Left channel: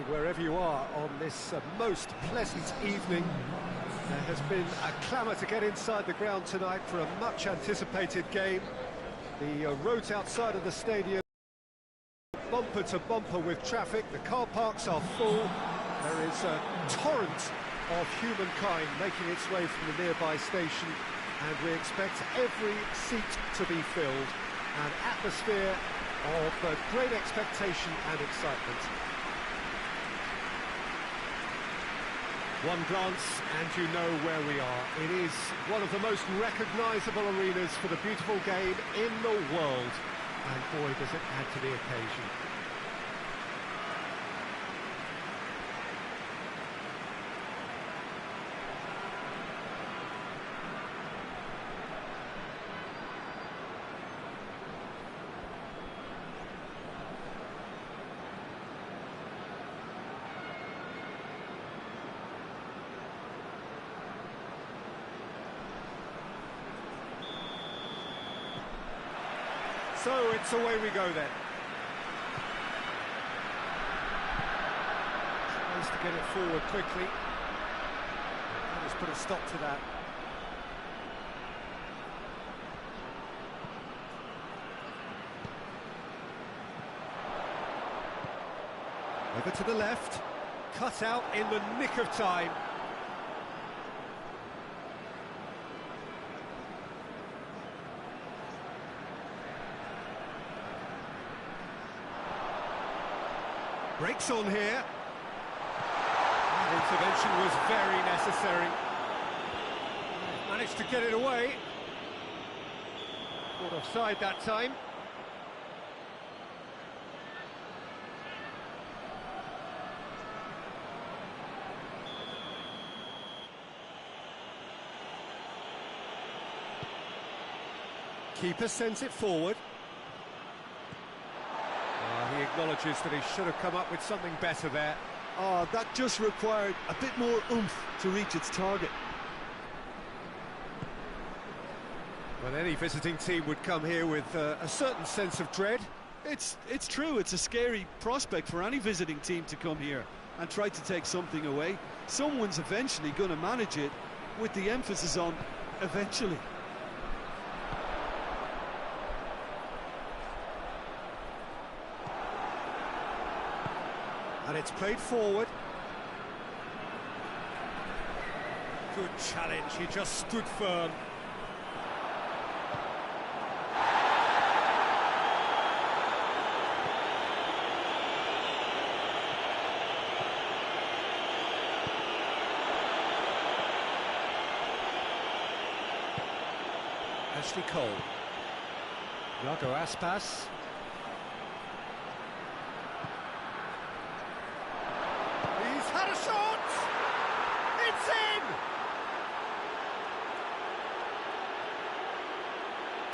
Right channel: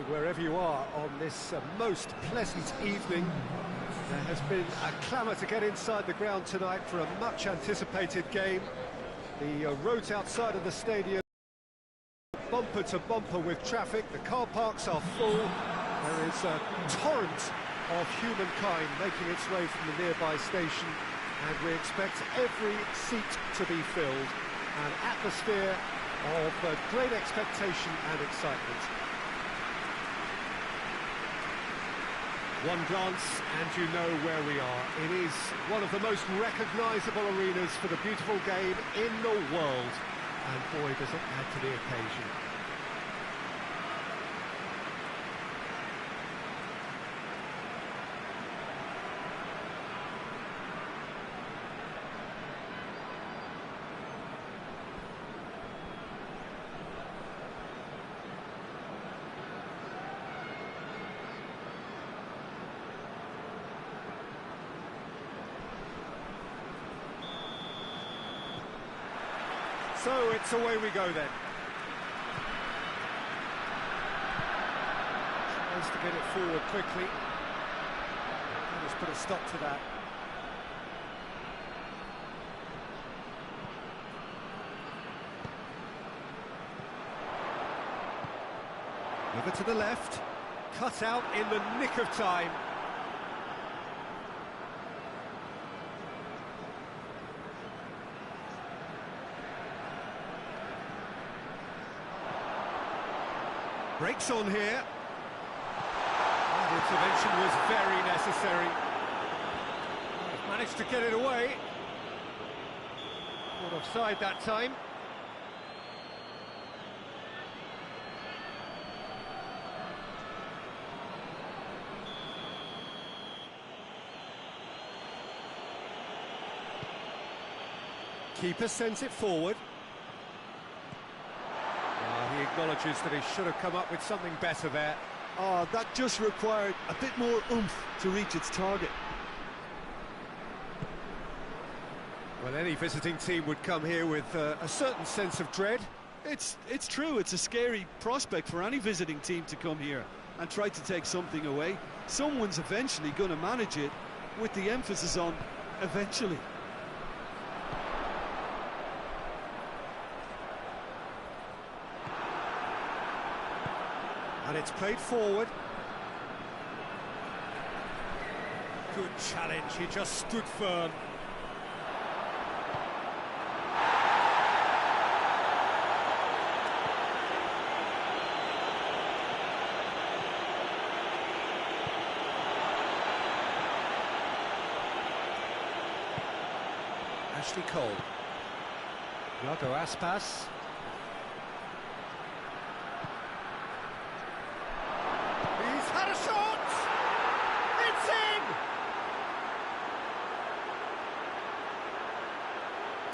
evening, wherever you are on this most pleasant evening. There has been a clamour to get inside the ground tonight for a much-anticipated game. The roads outside of the stadium, bumper to bumper with traffic. The car parks are full. There is a torrent of humankind making its way from the nearby station, and we expect every seat to be filled. An atmosphere of great expectation and excitement. One glance and you know where we are. It is one of the most recognisable arenas for the beautiful game in the world. And boy, does it add to the occasion. So it's away we go then. Tries to get it forward quickly. And let's put a stop to that. Over to the left. Cut out in the nick of time. Breaks on here. That intervention was very necessary. He's managed to get it away. Caught offside that time. Keeper sends it forward. He acknowledges that he should have come up with something better there. Oh, that just required a bit more oomph to reach its target. Well, any visiting team would come here with a certain sense of dread. It's true, it's a scary prospect for any visiting team to come here and try to take something away. Someone's eventually going to manage it, with the emphasis on eventually. And it's played forward. Good challenge, he just stood firm. Ashley Cole. Iago Aspas. He's had a shot! It's in!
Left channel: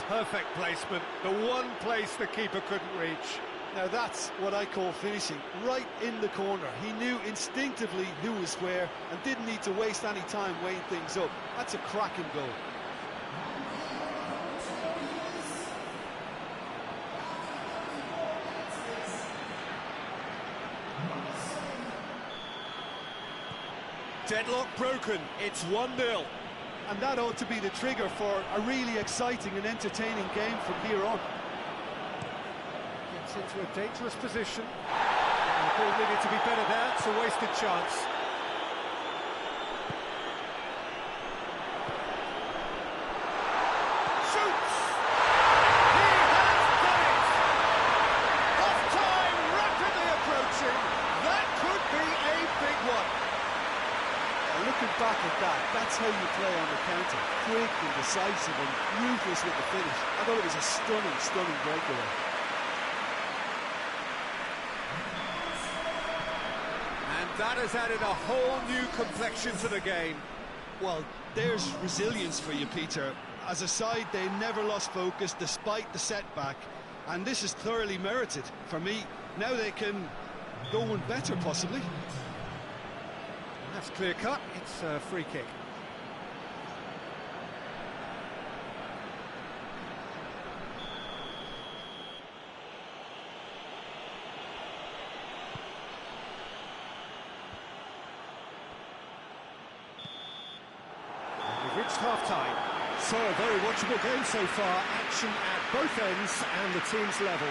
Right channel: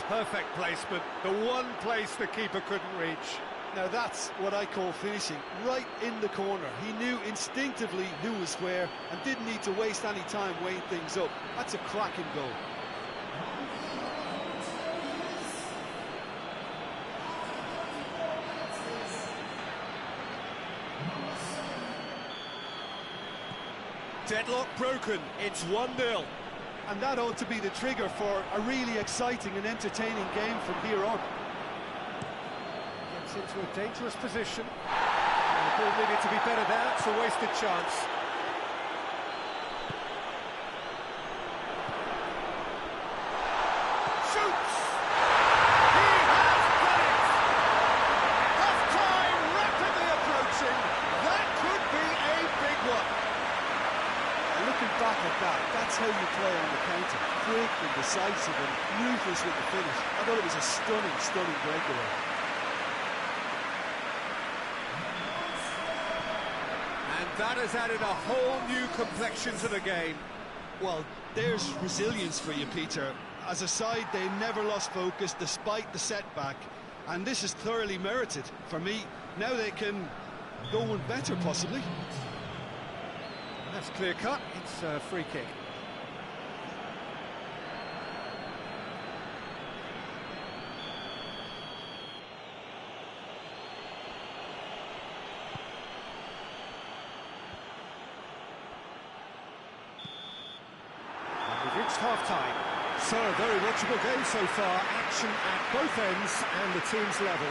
Perfect placement, the one place the keeper couldn't reach. Now that's what I call finishing, right in the corner. He knew instinctively who was where and didn't need to waste any time weighing things up. That's a cracking goal. Deadlock broken, it's 1-0. And that ought to be the trigger for a really exciting and entertaining game from here on. Gets into a dangerous position. The ball needed to be better there, it's a wasted chance. Shoots! He has done it! Half-time rapidly approaching. That could be a big one. Looking back at that, that's how you play on the counter. Quick and decisive and ruthless with the finish. I thought it was a stunning, stunning breakaway. And that has added a whole new complexion to the game. Well, there's resilience for you, Peter. As a side, they never lost focus despite the setback. And this is thoroughly merited. For me, now they can go one better, possibly. That's clear cut, it's a free kick. We've reached half-time. So, a very watchable game so far. Action at both ends and the team's level.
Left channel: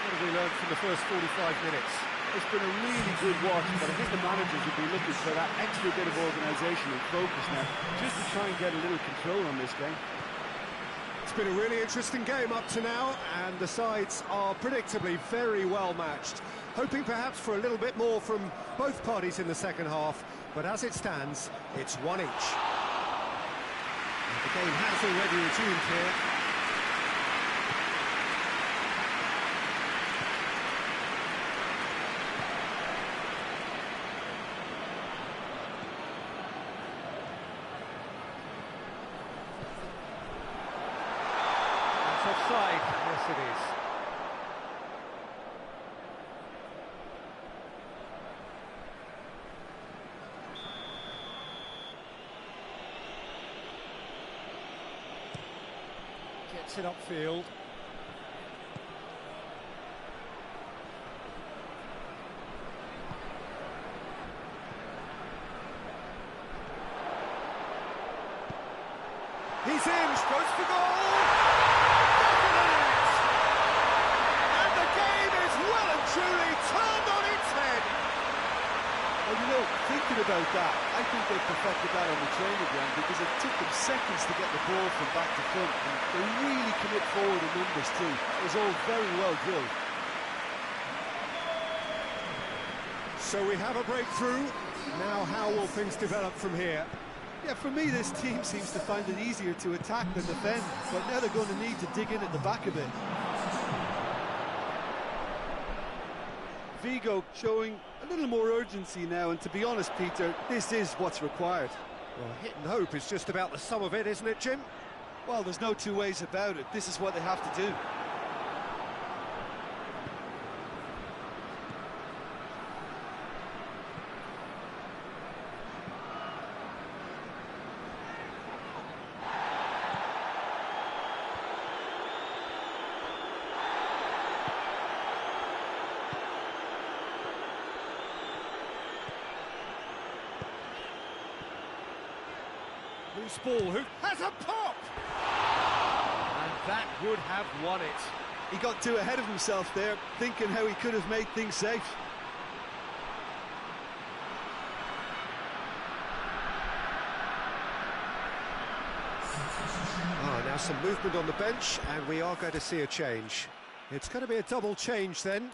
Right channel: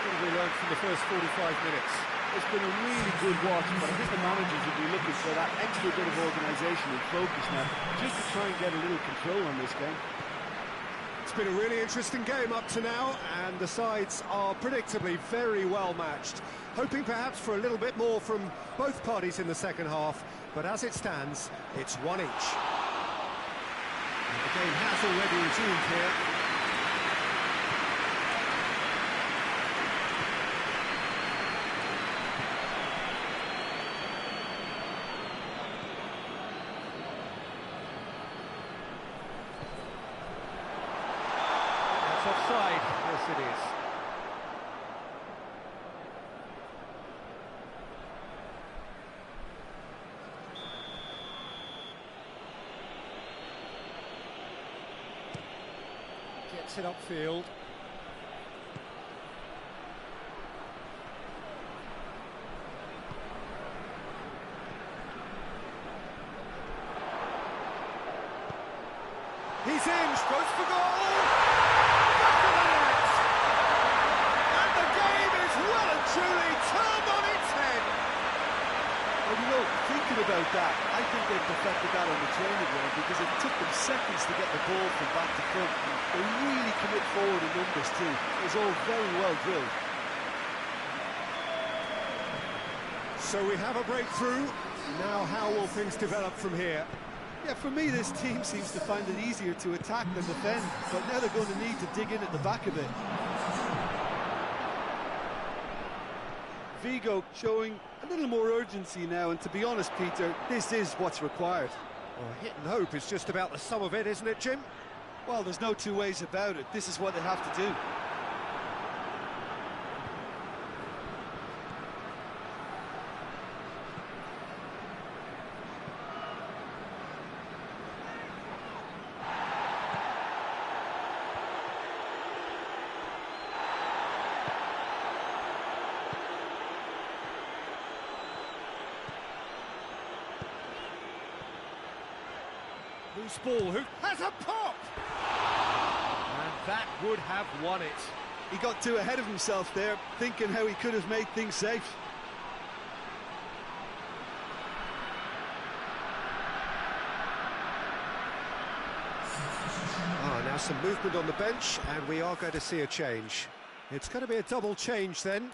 What have we learned from the first 45 minutes? It's been a really good watch, but I think the managers will be looking for that extra bit of organisation and focus now, just to try and get a little control on this game. It's been a really interesting game up to now, and the sides are predictably very well matched. Hoping perhaps for a little bit more from both parties in the second half, but as it stands, it's one each. And the game has already resumed here. That's offside. Yes, it is. Gets it upfield. He's in, strokes for goal! Back of the net! And the game is well and truly turned on its head! Well, you know, thinking about that, I think they perfected that on the training ground because it took them seconds to get the ball from back to front, and they really commit forward in numbers too. It was all very well drilled. So we have a breakthrough. Now how will things develop from here? Yeah, for me, this team seems to find it easier to attack than defend, but now they're going to need to dig in at the back a bit. Vigo showing a little more urgency now, and to be honest, Peter, this is what's required. Well, hit and hope is just about the sum of it, isn't it, Jim? Well, there's no two ways about it. This is what they have to do. Loose ball, who has a pop! And that would have won it. He got too ahead of himself there, thinking how he could have made things safe. Now some movement on the bench, and we are going to see a change. It's going to be a double change then.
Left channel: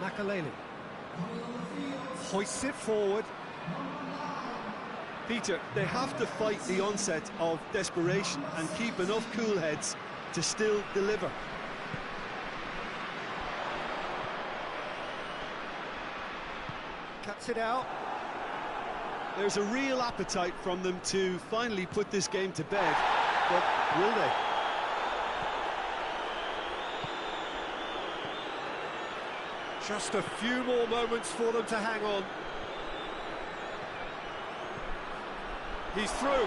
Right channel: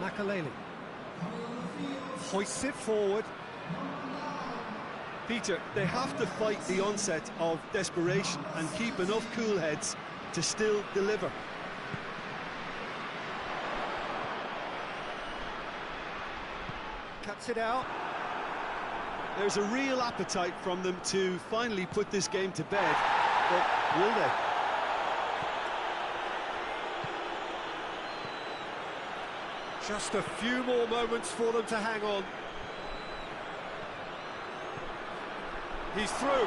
Makaleli hoists it forward. Peter, they have to fight the onset of desperation and keep enough cool heads to still deliver. Cuts it out. There's a real appetite from them to finally put this game to bed, but will they? Just a few more moments for them to hang on. He's through.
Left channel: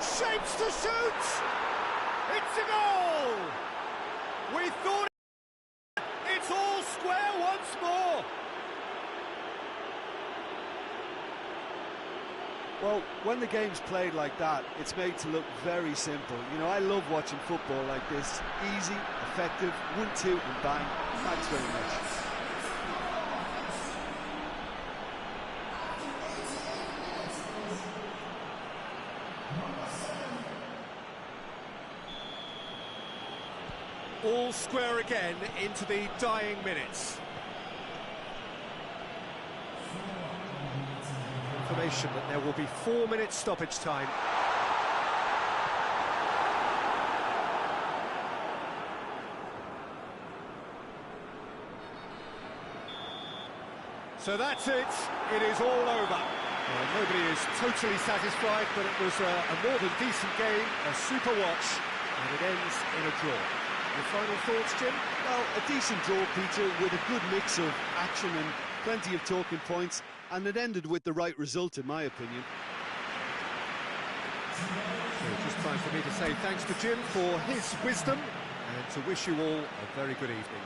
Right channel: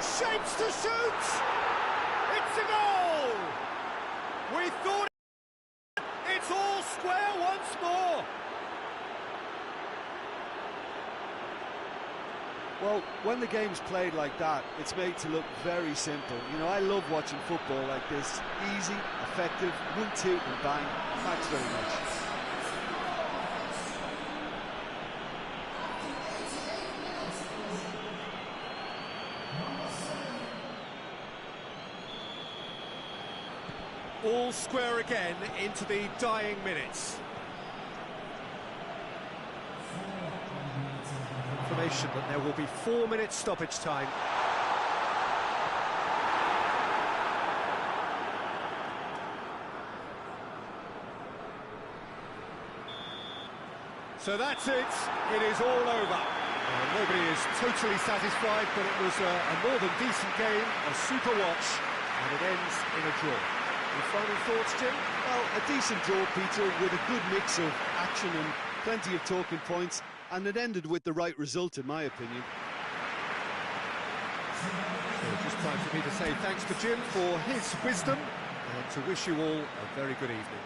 Shapes to shoot! It's a goal! We thought it's all square once more. Well, when the game's played like that, it's made to look very simple. You know, I love watching football like this. Easy, effective, 1-2 and bang. Thanks very much. All square again into the dying minutes. Confirmation that there will be 4 minutes stoppage time. So that's it. It is all over. Nobody is totally satisfied, but it was a more than decent game, a super watch, and it ends in a draw. Your final thoughts, Jim? Well, a decent draw, Peter, with a good mix of action and plenty of talking points, and it ended with the right result, in my opinion. So just time for me to say thanks to Jim for his wisdom, and to wish you all a very good evening.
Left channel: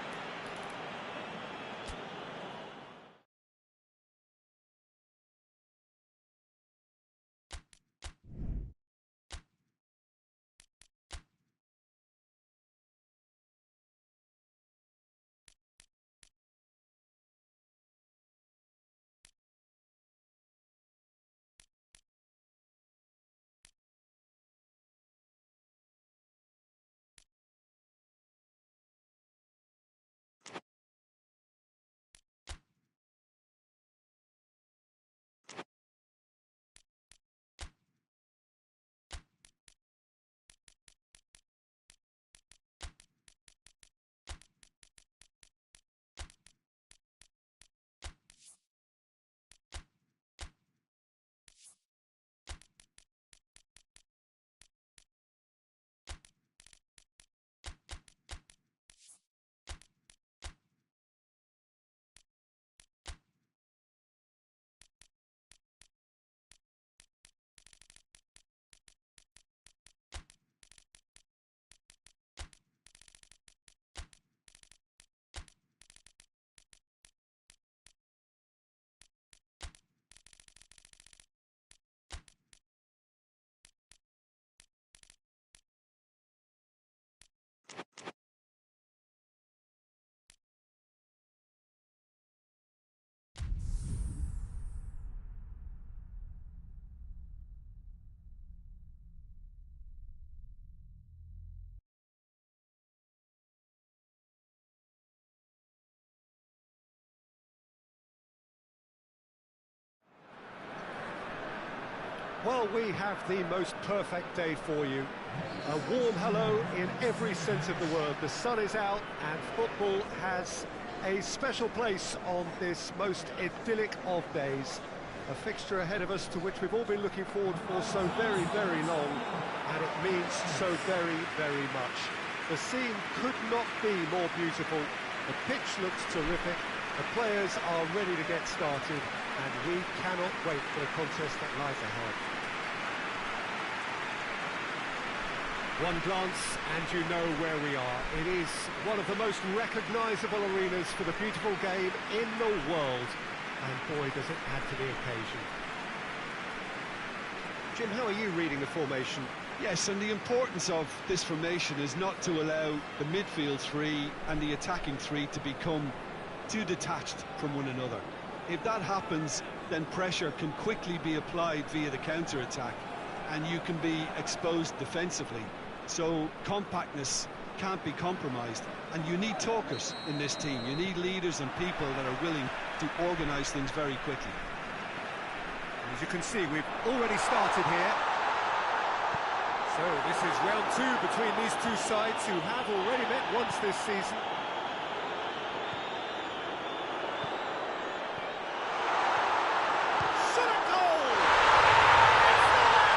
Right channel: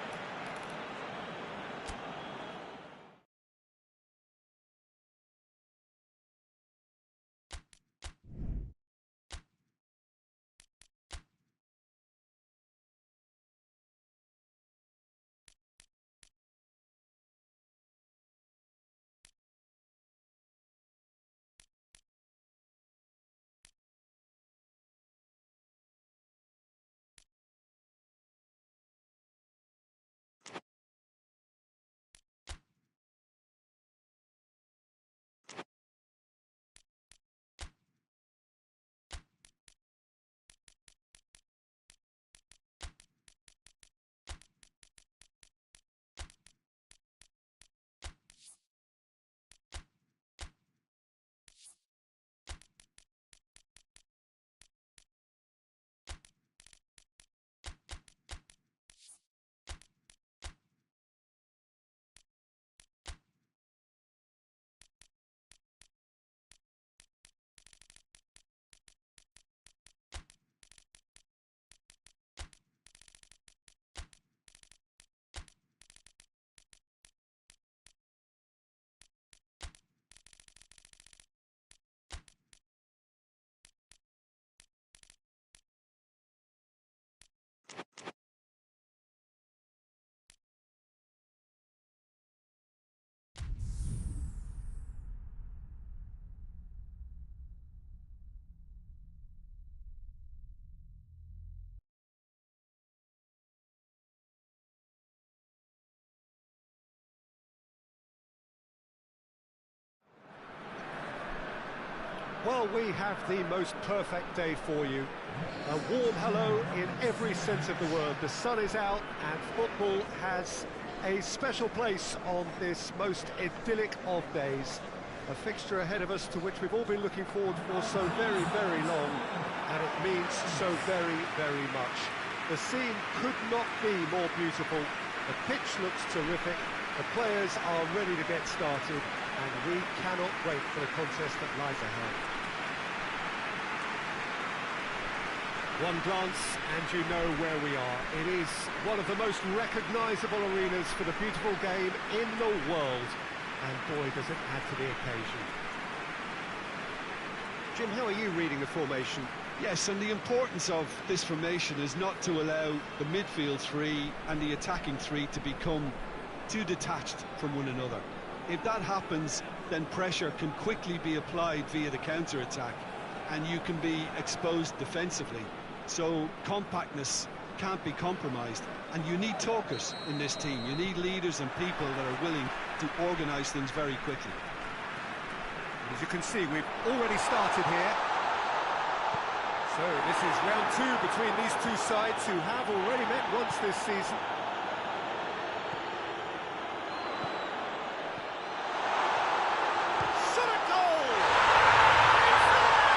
Well, we have the most perfect day for you. A warm hello in every sense of the word. The sun is out and football has a special place on this most idyllic of days. A fixture ahead of us to which we've all been looking forward for so very, very long, and it means so very, very much. The scene could not be more beautiful. The pitch looks terrific. The players are ready to get started, and we cannot wait for the contest that lies ahead. One glance and you know where we are. It is one of the most recognisable arenas for the beautiful game in the world. And boy, does it add to the occasion. Jim, how are you reading the formation? Yes, and the importance of this formation is not to allow the midfield three and the attacking three to become too detached from one another. If that happens, then pressure can quickly be applied via the counter-attack, and you can be exposed defensively. So compactness can't be compromised, and you need talkers in this team. You need leaders and people that are willing to organise things very quickly. And as you can see, we've already started here. So this is round two between these two sides who have already met once this season. Shot at goal! It's there!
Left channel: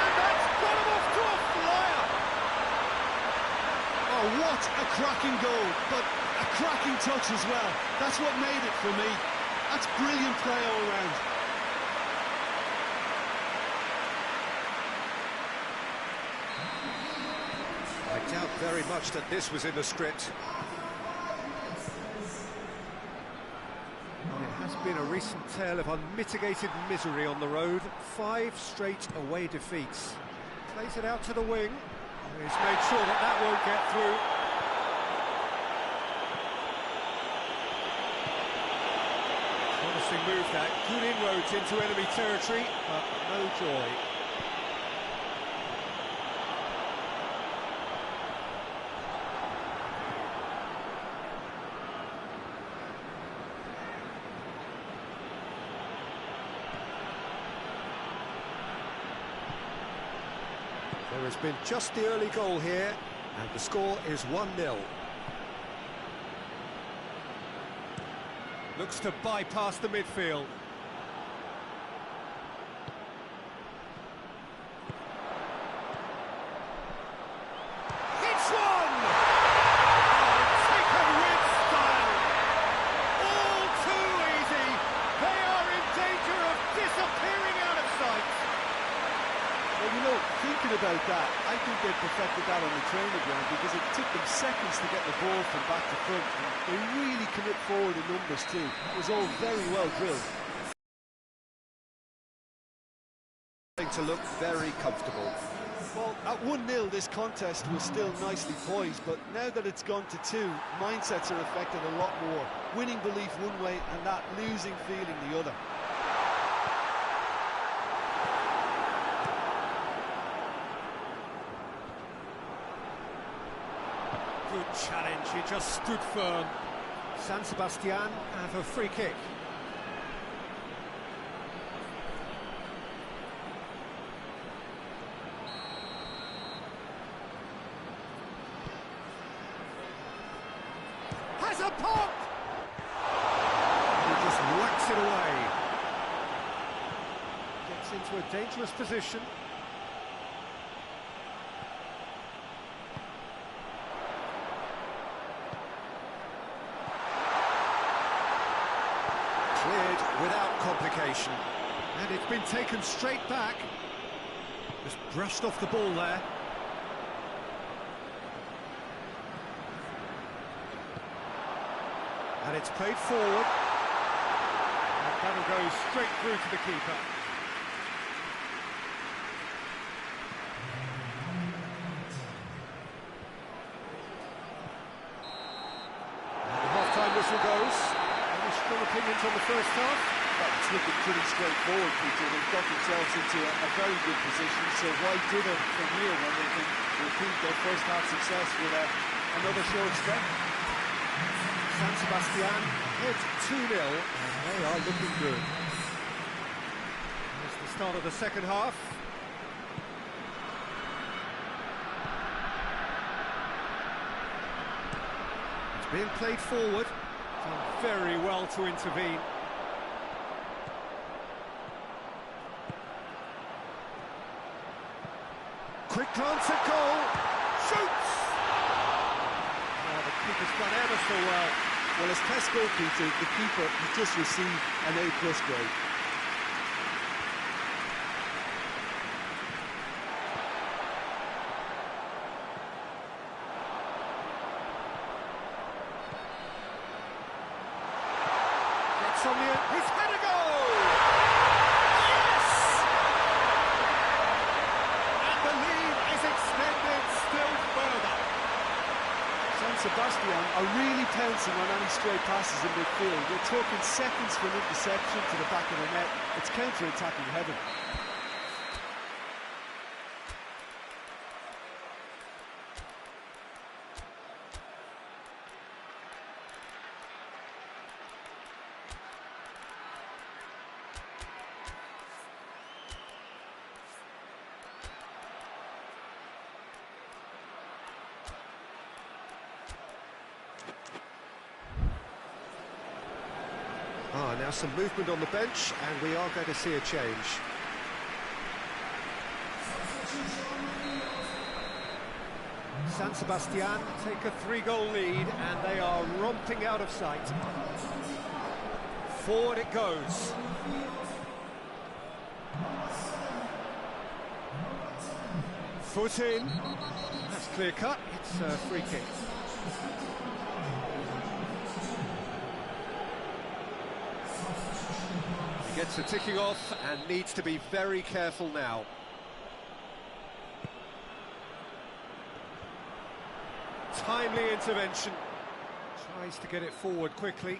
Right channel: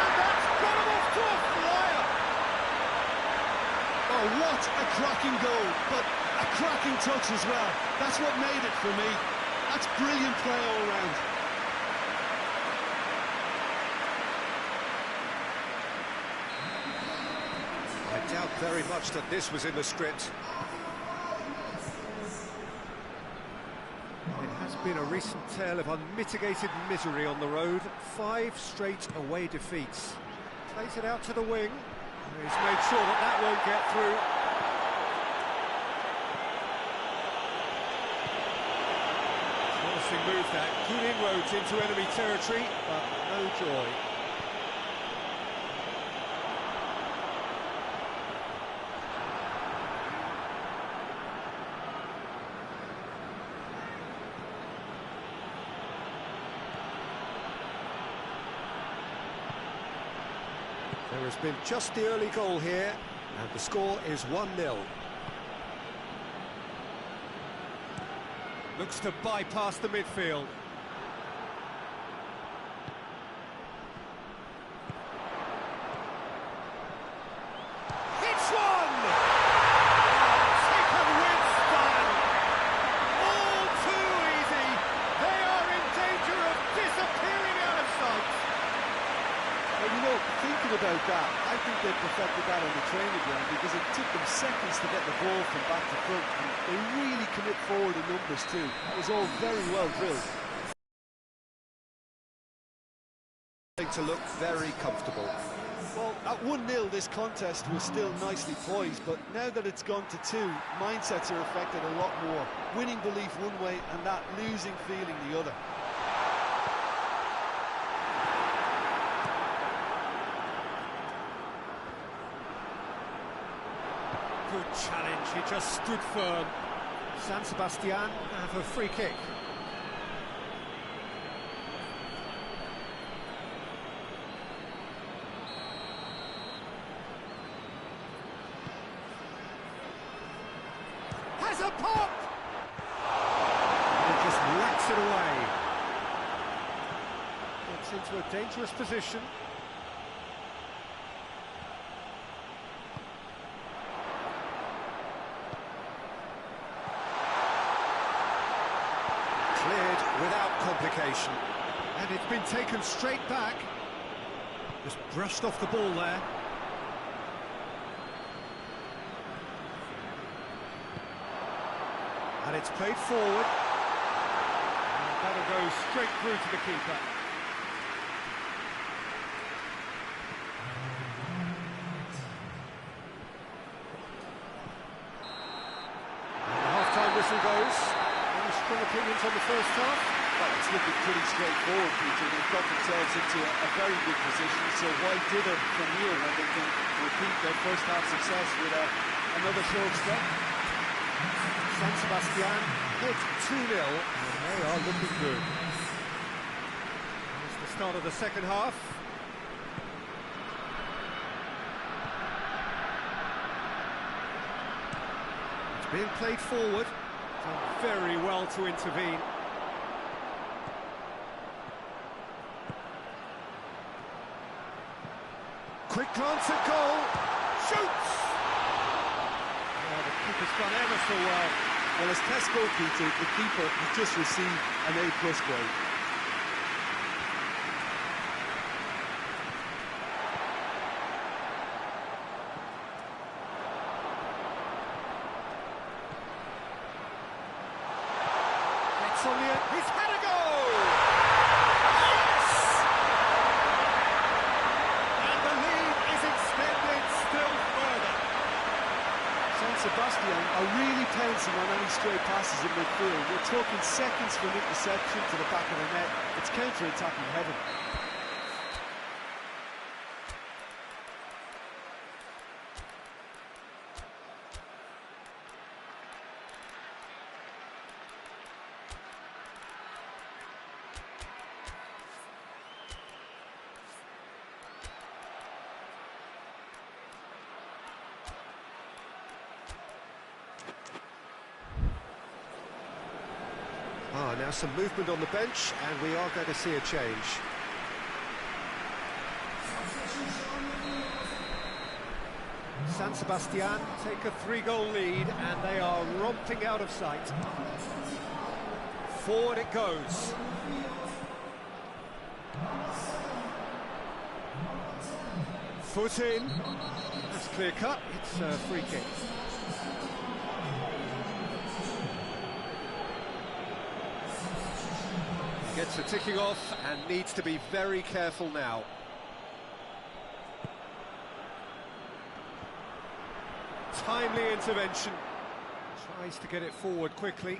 And that's got him off to a flyer! Oh, what a cracking goal, but a cracking touch as well. That's what made it for me. That's brilliant play all round. I doubt very much that this was in the script. And it has been a recent tale of unmitigated misery on the road. 5 straight away defeats. Plays it out to the wing. He's made sure that that won't get through. Promising move that. Good inroads into enemy territory, but no joy. There has been just the early goal here, and the score is 1-0. Looks to bypass the midfield. Hits one! Oh, taken with style. All too easy. They are in danger of disappearing out of sight. Well, you know, thinking about that, I think they perfected that on the training ground because it took them seconds to get the ball from back to front, and they really commit forward in numbers too. That was all very well drilled. To look very comfortable. Well, at 1-0 this contest was still nicely poised, but now that it's gone to 2, mindsets are affected a lot more. Winning belief one way and that losing feeling the other. Good challenge, he just stood firm. San Sebastian have a free kick. Has a pop! He just whacks it away. Gets into a dangerous position. Cleared without complication. And it's been taken straight back. Just brushed off the ball there. And it's played forward. And that'll go straight through to the keeper. And the half-time whistle goes. Any strong opinions on the first half? Well, it's looking pretty straightforward, Peter. They've got themselves into a very good position, so why dither from here when they can repeat their first half success with another show of strength? San Sebastian ahead 2-0, and they are looking good. Here's the start of the second half. It's being played forward. Done very well to intervene. Quick glance at goal. Shoots! Oh, the keeper's done ever so well. Well, as test goalkeeper, the keeper has just received an A+ grade. Gets on the end. He's had a go! Yes! And the lead is extended still further. San Sebastian are really pouncing on any stray passes in midfield. We're talking seconds from interception to the back of the net. It's counter-attacking heaven. Now some movement on the bench, and we are going to see a change. San Sebastian take a 3-goal lead, and they are romping out of sight. Forward it goes. Foot in. That's clear cut. It's a free kick. Gets the ticking off and needs to be very careful now. Timely intervention. Tries to get it forward quickly.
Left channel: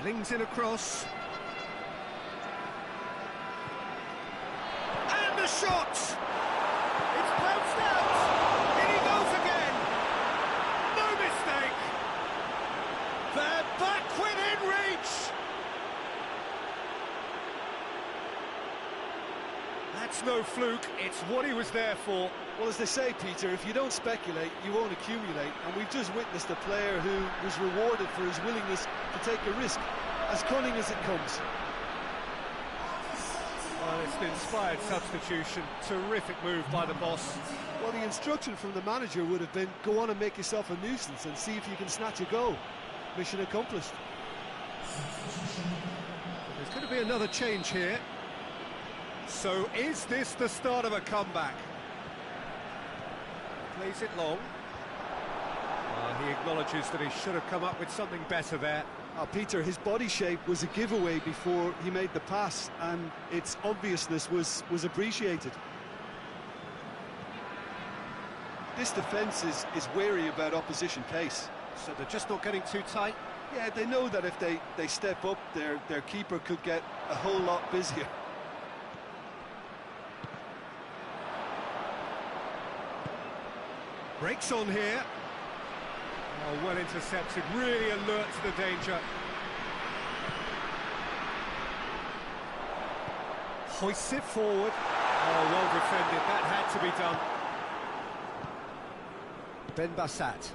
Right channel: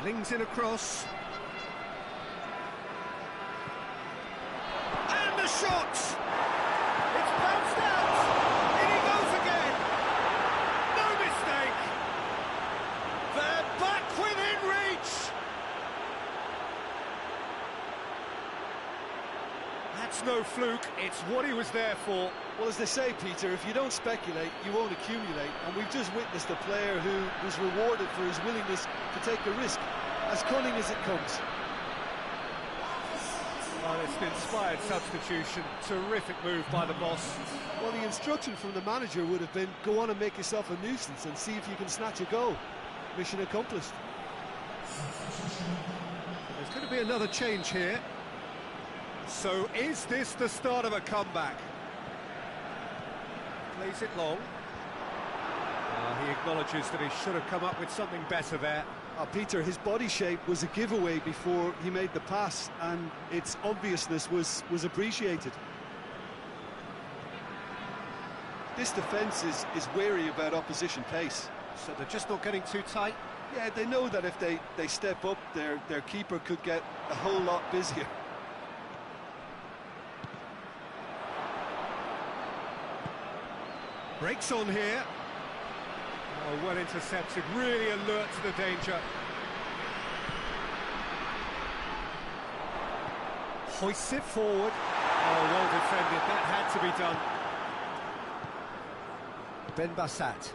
Flings in across. And the shot! It's bounced out! In he goes again! No mistake! They're back within reach! That's no fluke, it's what he was there for. Well, as they say, Peter, if you don't speculate, you won't accumulate. And we've just witnessed a player who was rewarded for his willingness to take a risk, as cunning as it comes. Well, it's an inspired substitution. Terrific move by the boss. Well, the instruction from the manager would have been, go on and make yourself a nuisance and see if you can snatch a goal. Mission accomplished. There's going to be another change here. So is this the start of a comeback? Plays it long. He acknowledges that he should have come up with something better there. Peter, his body shape was a giveaway before he made the pass, and its obviousness was appreciated. This defence is wary about opposition pace. So they're just not getting too tight? Yeah, they know that if they step up, their keeper could get a whole lot busier. Breaks on here. Oh, well intercepted, really alert to the danger. Hoists it forward. Oh, well defended, that had to be done. Ben Bassat.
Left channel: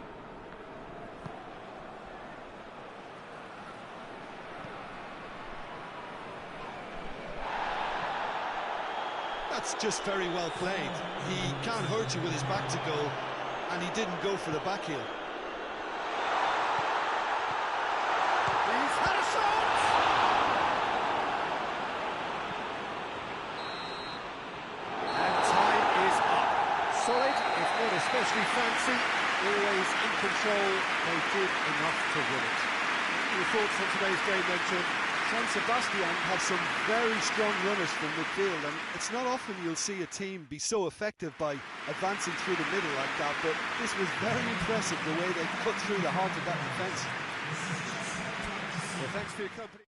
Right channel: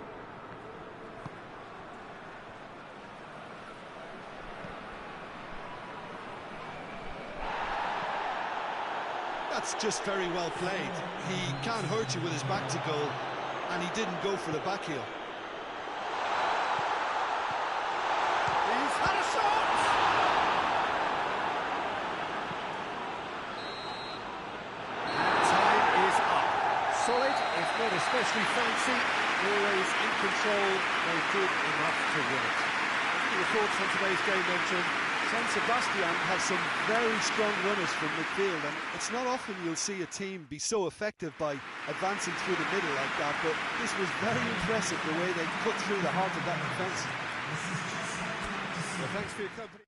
That's just very well played. He can't hurt you with his back to goal, and he didn't go for the back heel. He's had a shot! And time is up. Solid, if not especially fancy, always in control. They did enough to win it. What are your thoughts on today's game then, Jim? San Sebastian have some very strong runners from midfield, and it's not often you'll see a team be so effective by advancing through the middle like that, but this was very impressive, the way they cut through the heart of that defence. Well, thanks for your company.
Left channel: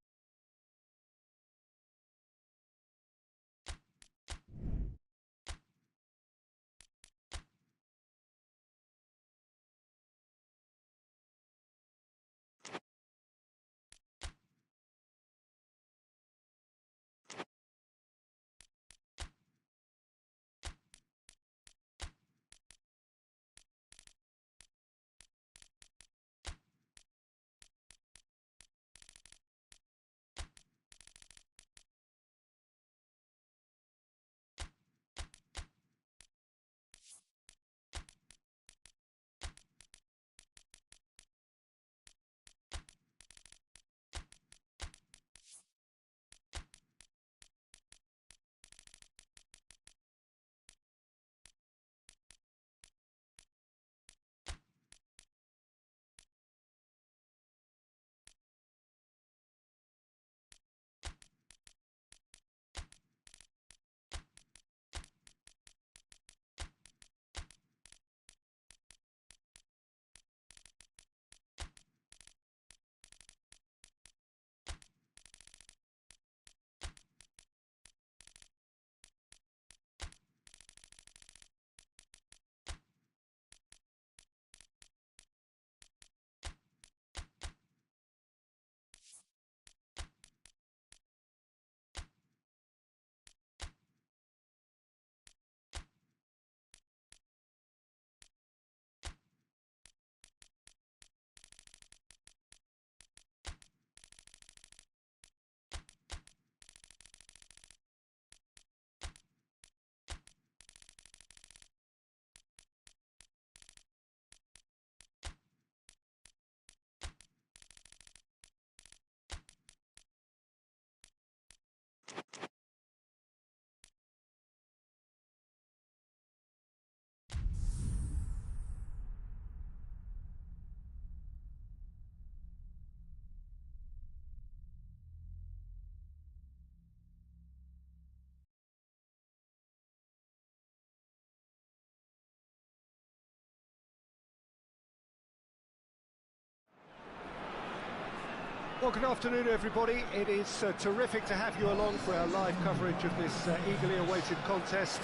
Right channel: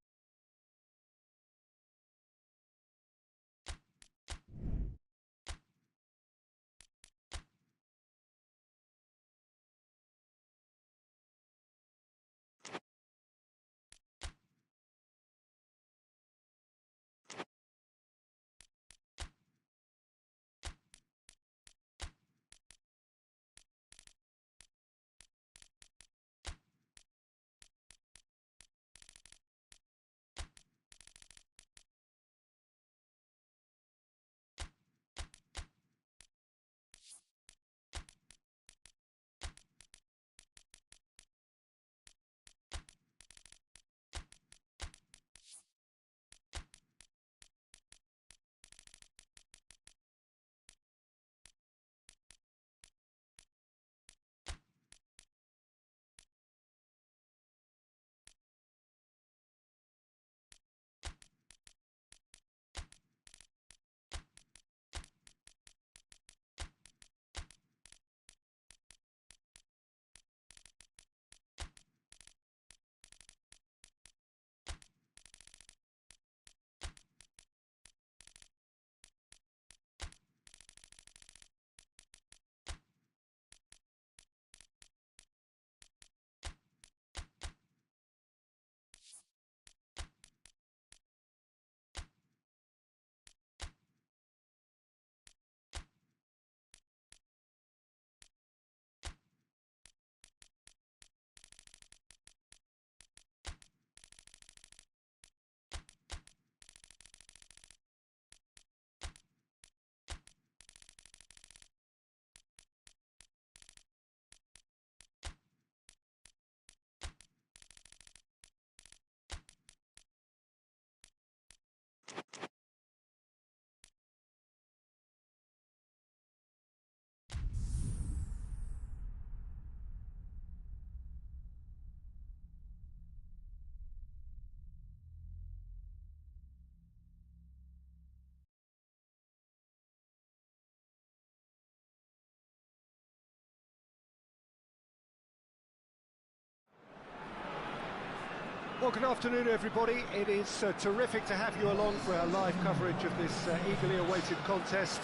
Well, good afternoon, everybody. It is terrific to have you along for our live coverage of this eagerly awaited contest.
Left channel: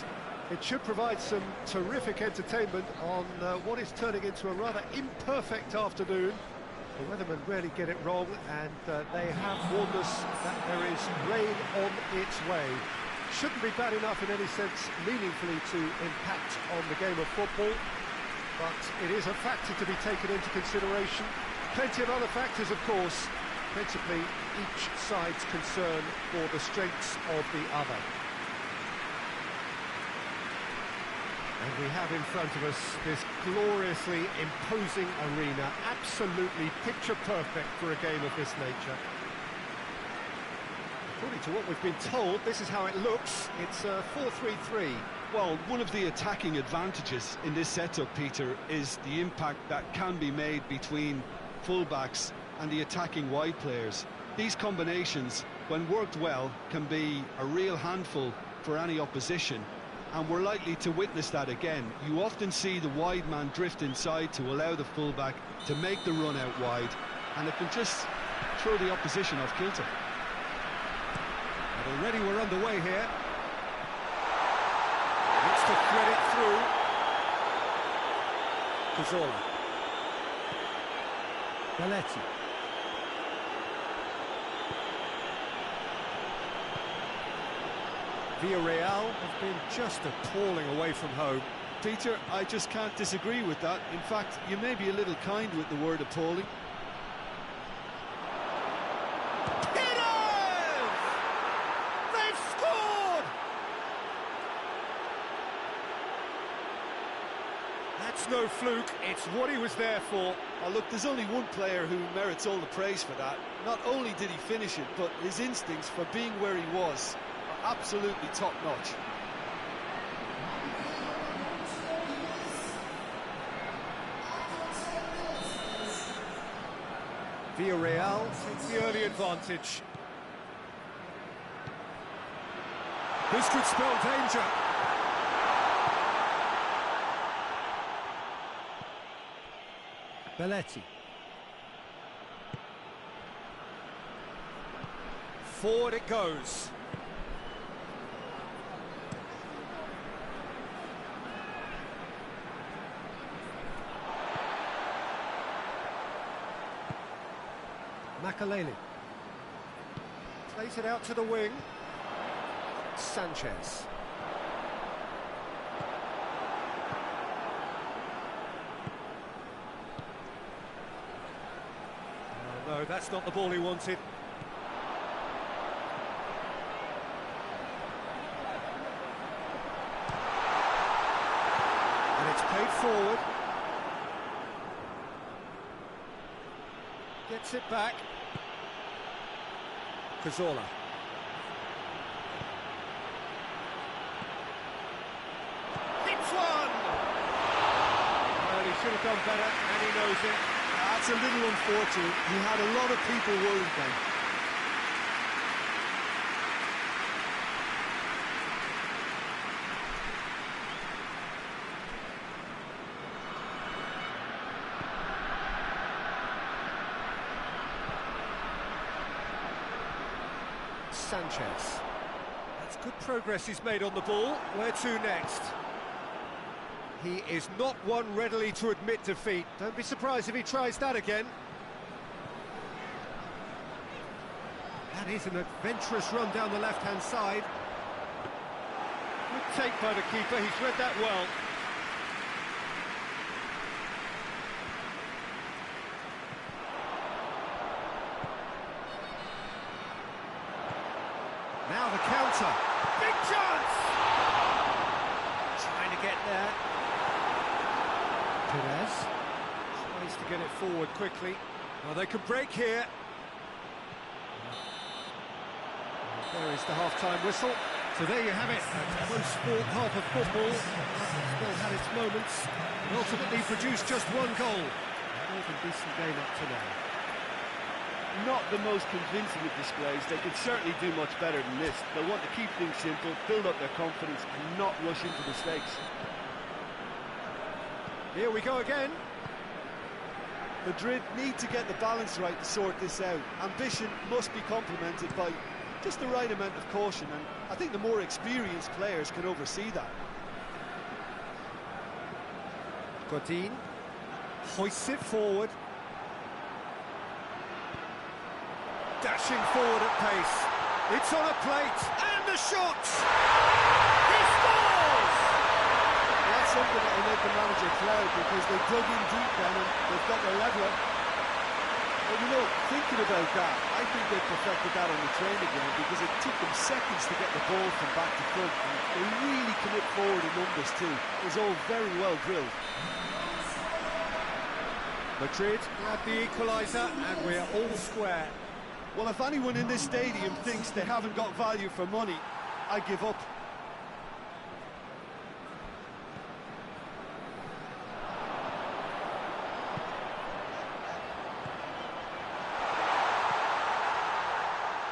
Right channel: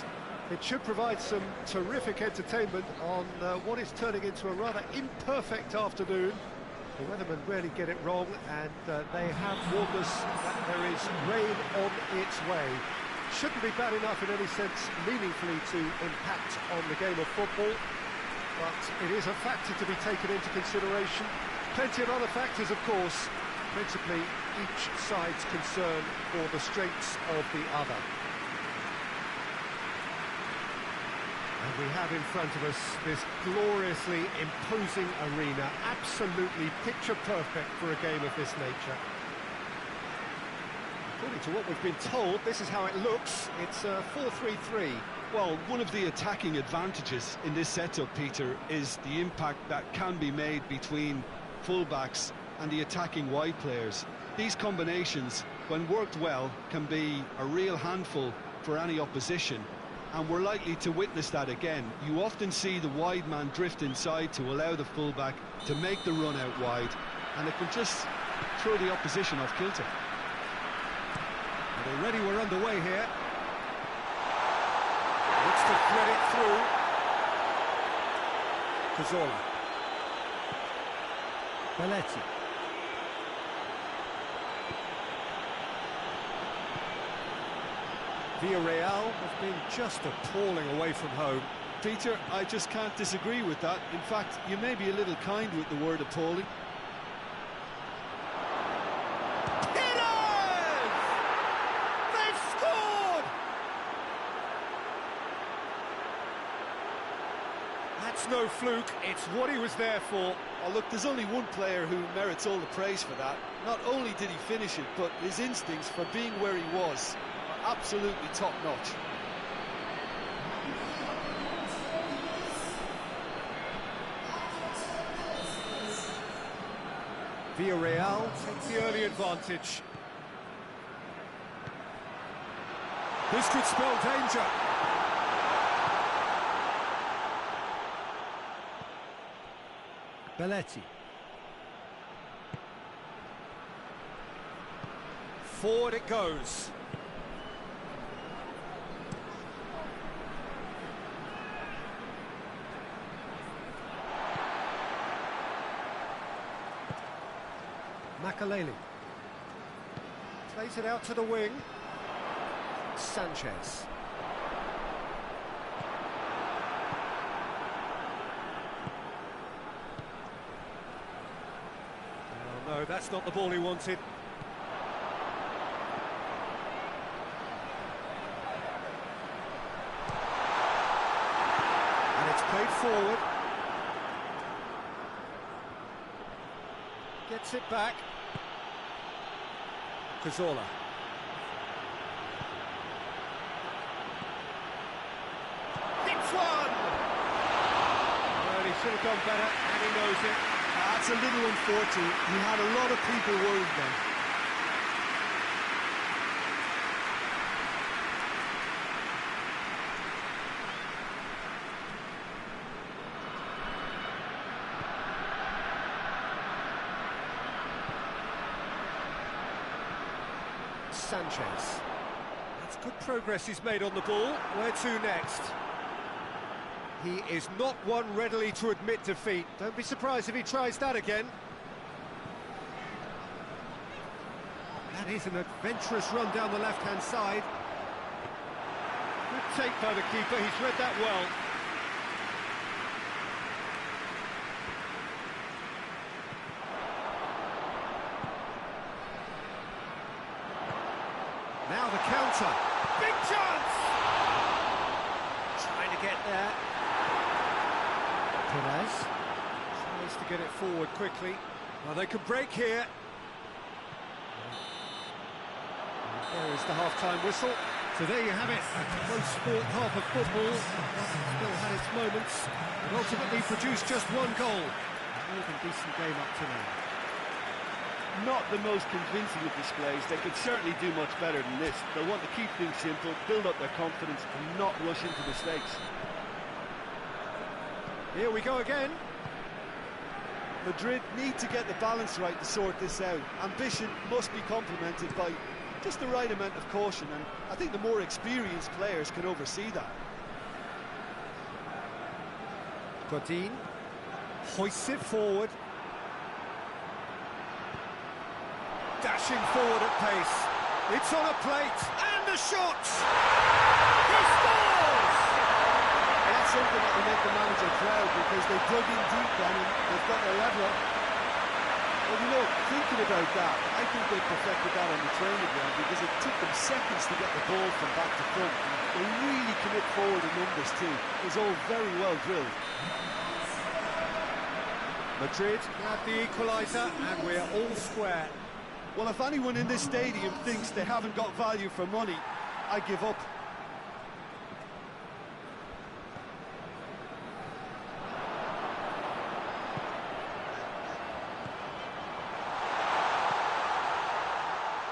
It should provide some terrific entertainment on what is turning into a rather imperfect afternoon. The weathermen rarely get it wrong, and they have warned us that there is rain on its way. shouldn't be bad enough in any sense meaningfully to impact on the game of football, but it is a factor to be taken into consideration. Plenty of other factors, of course, principally each side's concern for the strengths of the other. And we have in front of us this gloriously imposing arena, absolutely picture perfect for a game of this nature. According to what we've been told, this is how it looks. It's 4-3-3. Well, one of the attacking advantages in this setup, Peter, is the impact that can be made between fullbacks and the attacking wide players. These combinations, when worked well, can be a real handful for any opposition, and we're likely to witness that again. You often see the wide man drift inside to allow the fullback to make the run out wide, and it can just throw the opposition off kilter. And already we're underway here. Looks to thread it through. Cazorla. Belletti. Villarreal have been just appalling away from home. Peter, I just can't disagree with that. In fact, you may be a little kind with the word appalling. It is! They've scored! That's no fluke, it's what he was there for. Oh, look, there's only one player who merits all the praise for that. Not only did he finish it, but his instincts for being where he was are absolutely top-notch. Villarreal takes the early advantage. This could spell danger. Belletti. Forward it goes. Makaleli. Plays it out to the wing. Sanchez. Oh, no, that's not the ball he wanted. And it's played forward. Gets it back. Cazorla. Hits one! Well, he should have done better, and he knows it. That's a little unfortunate. He had a lot of people worried then. Sanchez. That's good progress he's made on the ball. Where to next? He is not one readily to admit defeat. Don't be surprised if he tries that again. That is an adventurous run down the left-hand side. Good take by the keeper, he's read that well. Now the counter. Big chance! Trying to get there. Perez tries to get it forward quickly. Well, they can break here. And there is the half-time whistle. So there you have it, a close-fought half of football. That still had its moments, but ultimately produced just one goal. A more than decent game up to now. Not the most convincing of displays. They could certainly do much better than this. They'll want to keep things simple, build up their confidence and not rush into mistakes. Here we go again. Madrid need to get the balance right to sort this out. Ambition must be complemented by just the right amount of caution, and I think the more experienced players can oversee that. Godin hoists it forward. Dashing forward at pace. It's on a plate, and the shot! He scores! Well, that's something that will make the manager proud, because they dug in deep then and they've got their leveller. Well, you know, thinking about that, I think they perfected that on the training ground, because it took them seconds to get the ball from back to front. And they really commit forward in numbers too. It was all very well drilled. Madrid had the equaliser, and we're all square. Well, if anyone in this stadium thinks they haven't got value for money, I give up.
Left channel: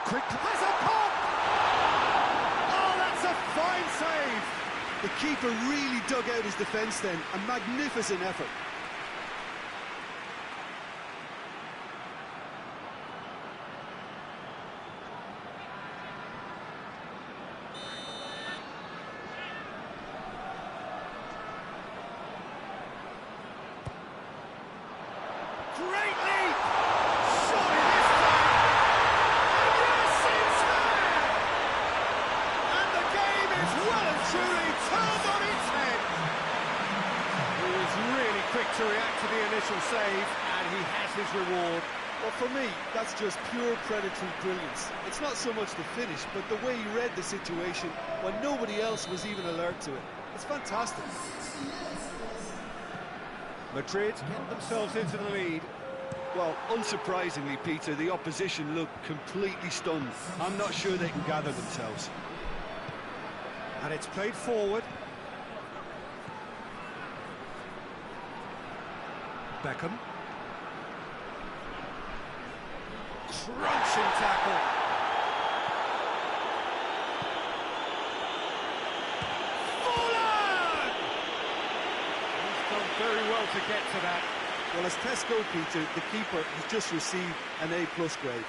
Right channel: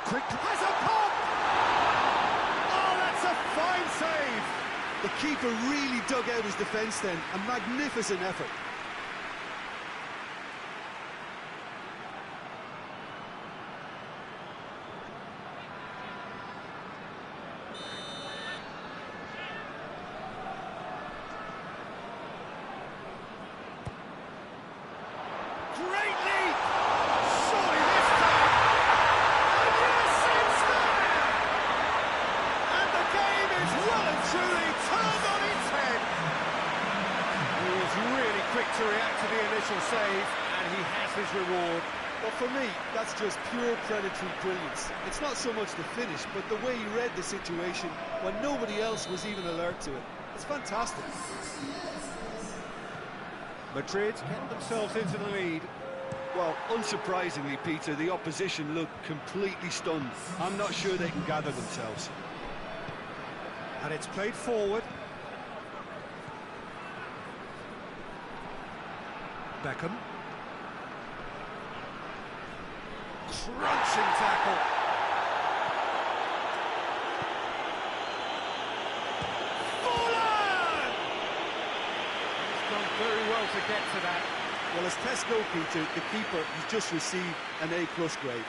Quick, has a pop! Oh, that's a fine save! The keeper really dug out his defence then. A magnificent effort. Great leap! Surely this time! And yes, it's there! And the game is well and truly turned on its head. He was really quick to react to the initial save, and he has his reward. Well, for me, that's just pure predatory brilliance. It's not so much the finish, but the way he read the situation when nobody else was even alert to it. It's fantastic. Madrid get themselves into the lead. Well, unsurprisingly, Peter, the opposition look completely stunned. I'm not sure they can gather themselves. And it's played forward. Beckham. Crunching tackle. Fallen! He's done very well to get to that. Well, as tests go, Peter, the keeper has just received an A+ grade.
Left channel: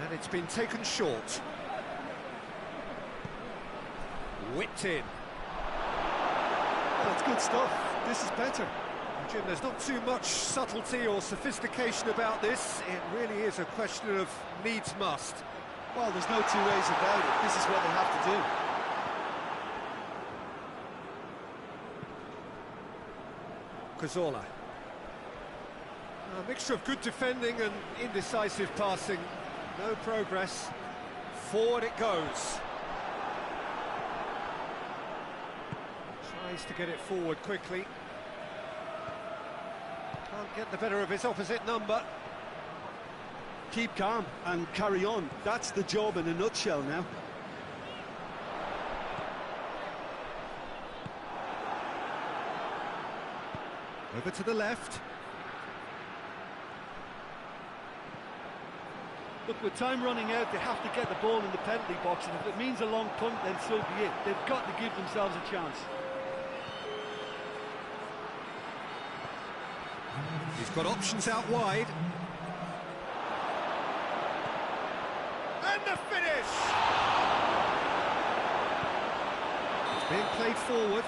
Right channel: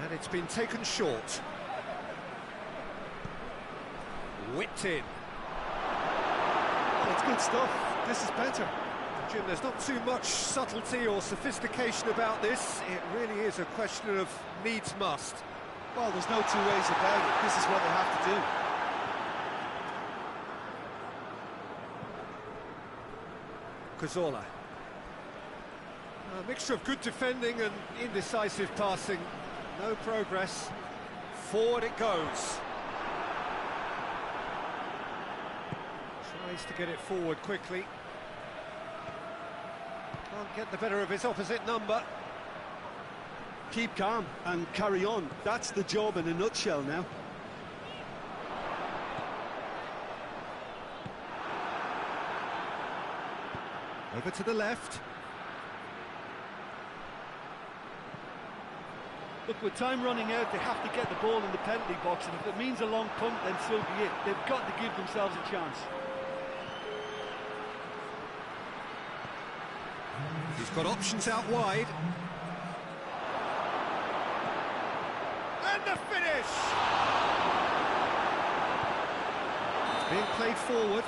And it's been taken short. Whipped in. Well, it's good stuff. This is better. Jim, there's not too much subtlety or sophistication about this. It really is a question of needs must. Well, there's no two ways about it. This is what they have to do. Cazorla. A mixture of good defending and indecisive passing. No progress. Forward it goes. Tries to get it forward quickly. Can't get the better of his opposite number. Keep calm and carry on. That's the job in a nutshell now. Over to the left. Look, with time running out, they have to get the ball in the penalty box, and if it means a long punt, then so be it. They've got to give themselves a chance. He's got options out wide. And the finish! It's being played forward.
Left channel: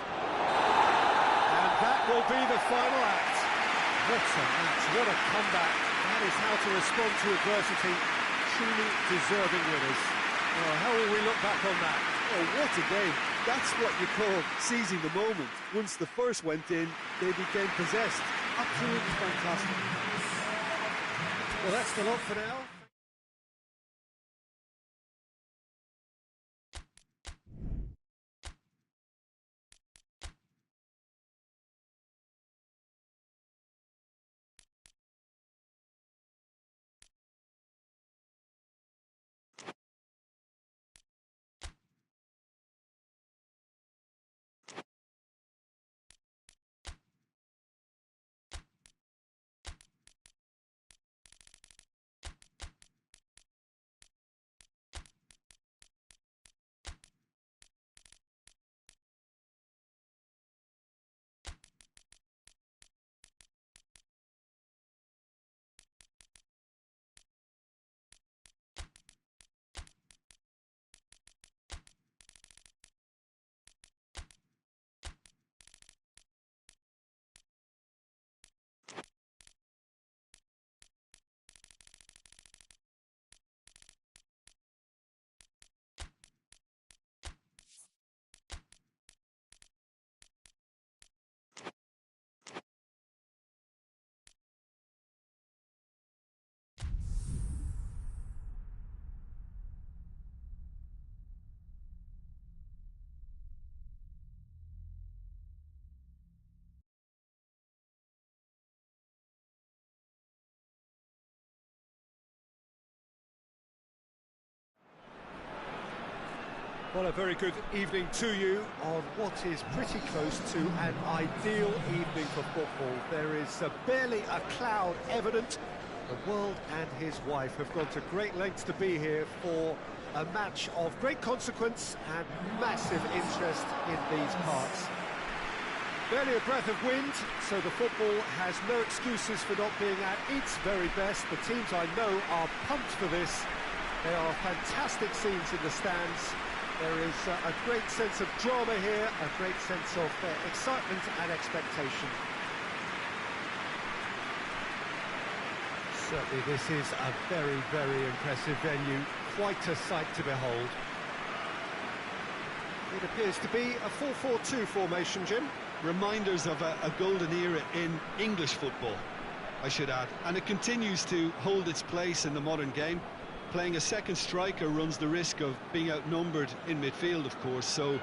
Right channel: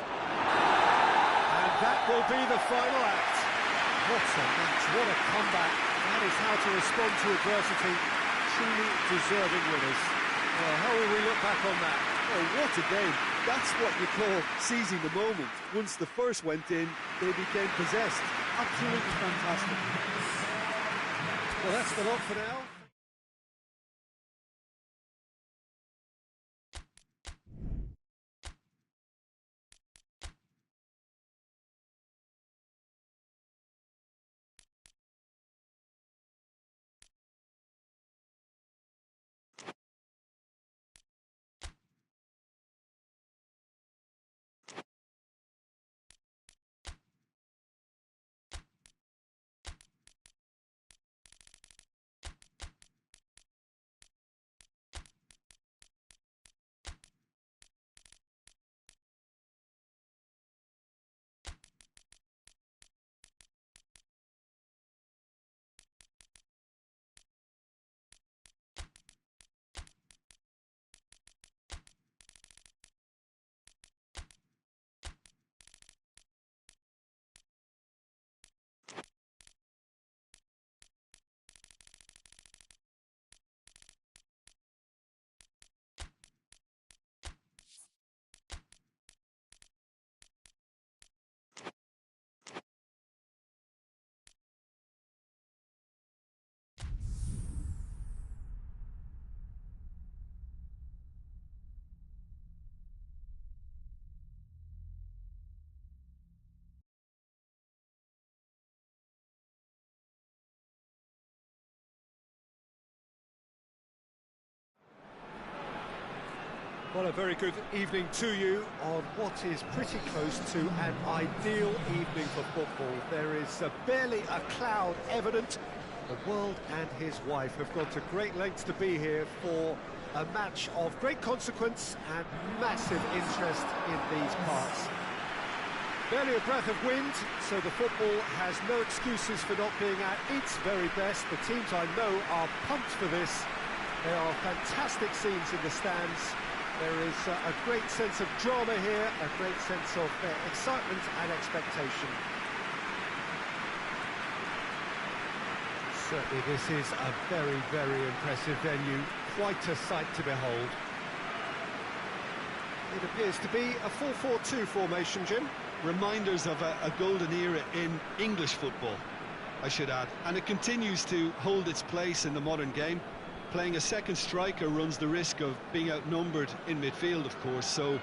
And that will be the final act. What a match, what a comeback. That is how to respond to adversity. Truly deserving winners. Well, how will we look back on that? Oh, what a game. That's what you call seizing the moment. Once the first went in, they became possessed. Absolutely fantastic. Well, that's the lot for now. Well, a very good evening to you on what is pretty close to an ideal evening for football. There is barely a cloud evident. The world and his wife have gone to great lengths to be here for a match of great consequence and massive interest in these parts. Barely a breath of wind, so the football has no excuses for not being at its very best. The teams I know are pumped for this. There are fantastic scenes in the stands. There is a great sense of drama here, a great sense of excitement and expectation. Certainly this is a very, very impressive venue, quite a sight to behold. It appears to be a 4-4-2 formation, Jim. Reminders of a golden era in English football, I should add. And it continues to hold its place in the modern game. Playing a second striker runs the risk of being outnumbered in midfield, of course, so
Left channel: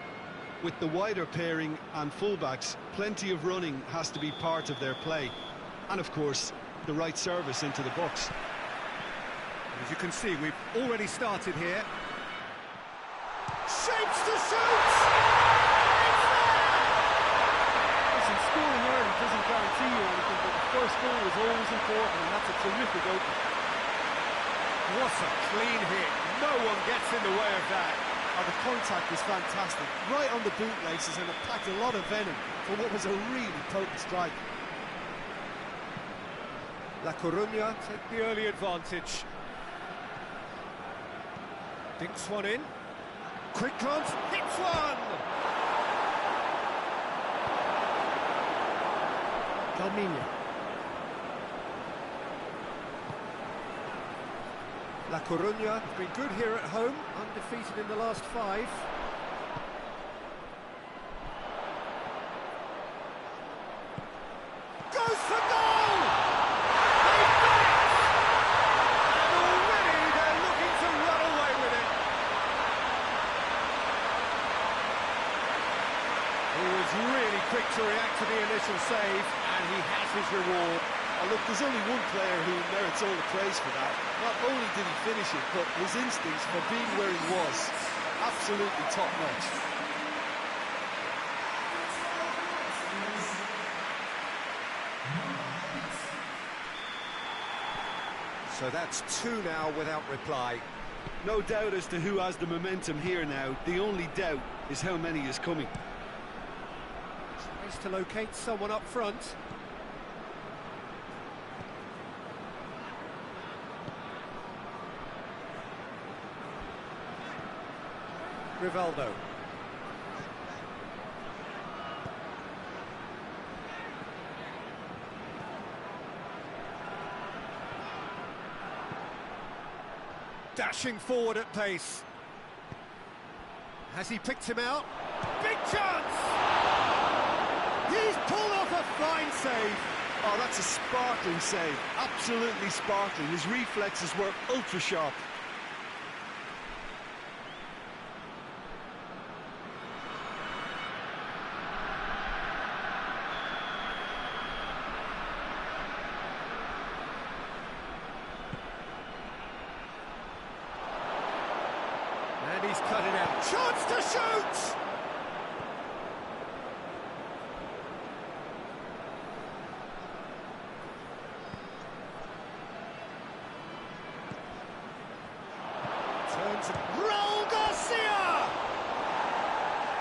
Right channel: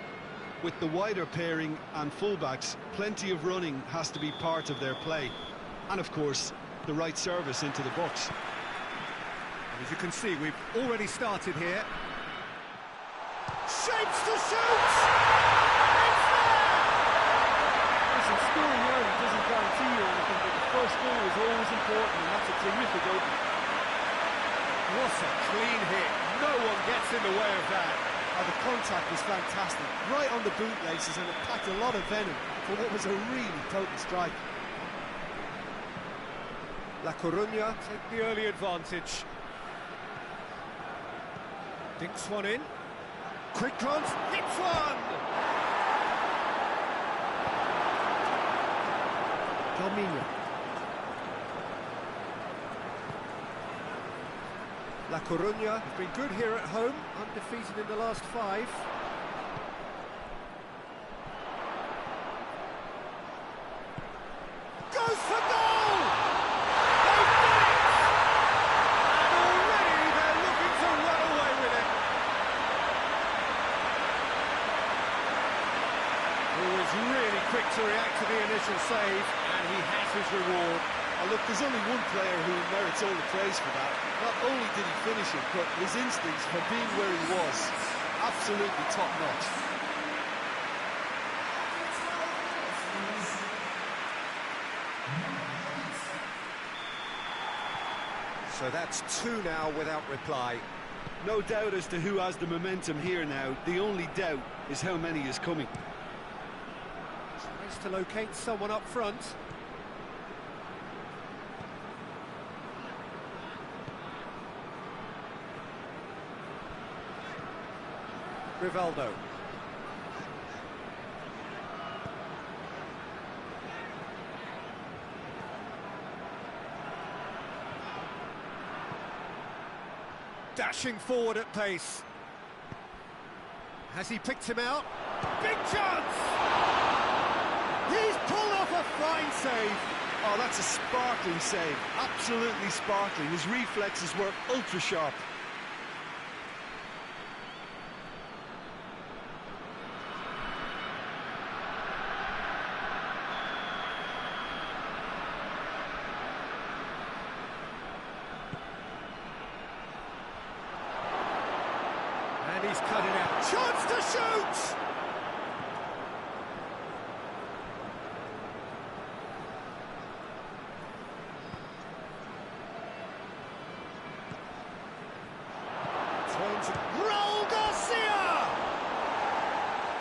with the wider pairing and fullbacks, plenty of running has to be part of their play. And of course, the right service into the box. And as you can see, we've already started here. Shapes to shoot! It's there! Listen, scoring early doesn't guarantee you anything, but the first goal is always important, and that's a terrific opening. What a clean hit. No one gets in the way of that. Oh, the contact was fantastic. Right on the bootlaces, and it packed a lot of venom for what was a really potent strike. La Coruña take the early advantage. Dinks one in. Quick glance, hits one! Calminha. La Coruña have been good here at home, undefeated in the last 5. Goes for goal! They've done it! And already they're looking to run away with it. He was really quick to react to the initial save, and he has his reward. Oh, look, there's only one player who merits all the praise for that. Not only did he finish it, but his instincts for being where he was, absolutely top-notch. So that's 2 now without reply. No doubt as to who has the momentum here now. The only doubt is how many is coming. Tries to locate someone up front. Rivaldo. Dashing forward at pace. Has he picked him out? Big chance! He's pulled off a fine save. Oh, that's a sparkling save. Absolutely sparkling. His reflexes were ultra sharp. And he's cut it out. Chance to shoot! Turns Raul Garcia!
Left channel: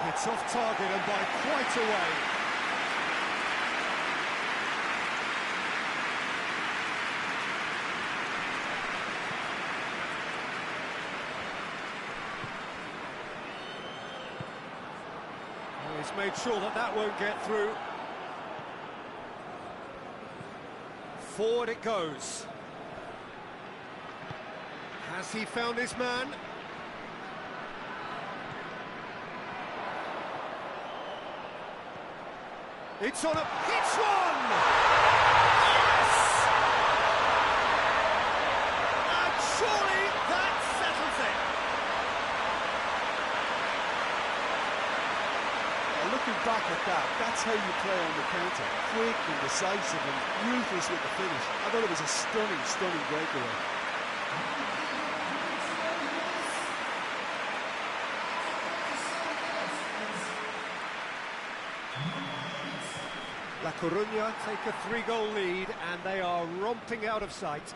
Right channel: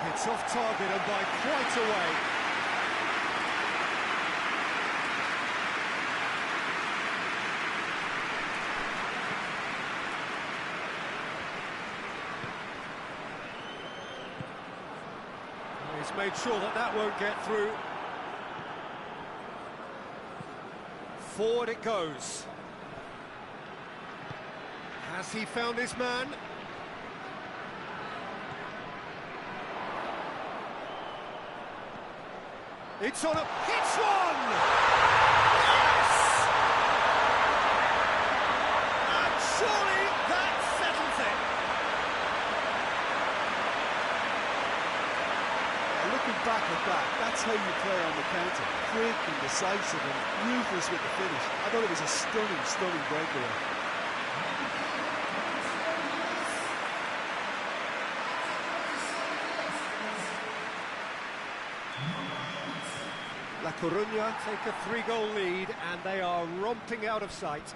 It's off target and by quite a way. He's made sure that that won't get through. Forward it goes. Has he found his man? It's on a... hits one! Yes! And surely that settles it. Looking back at that, that's how you play on the counter. Quick and decisive and ruthless with the finish. I thought it was a stunning, stunning breakaway. La Coruña take a 3-goal lead, and they are romping out of sight.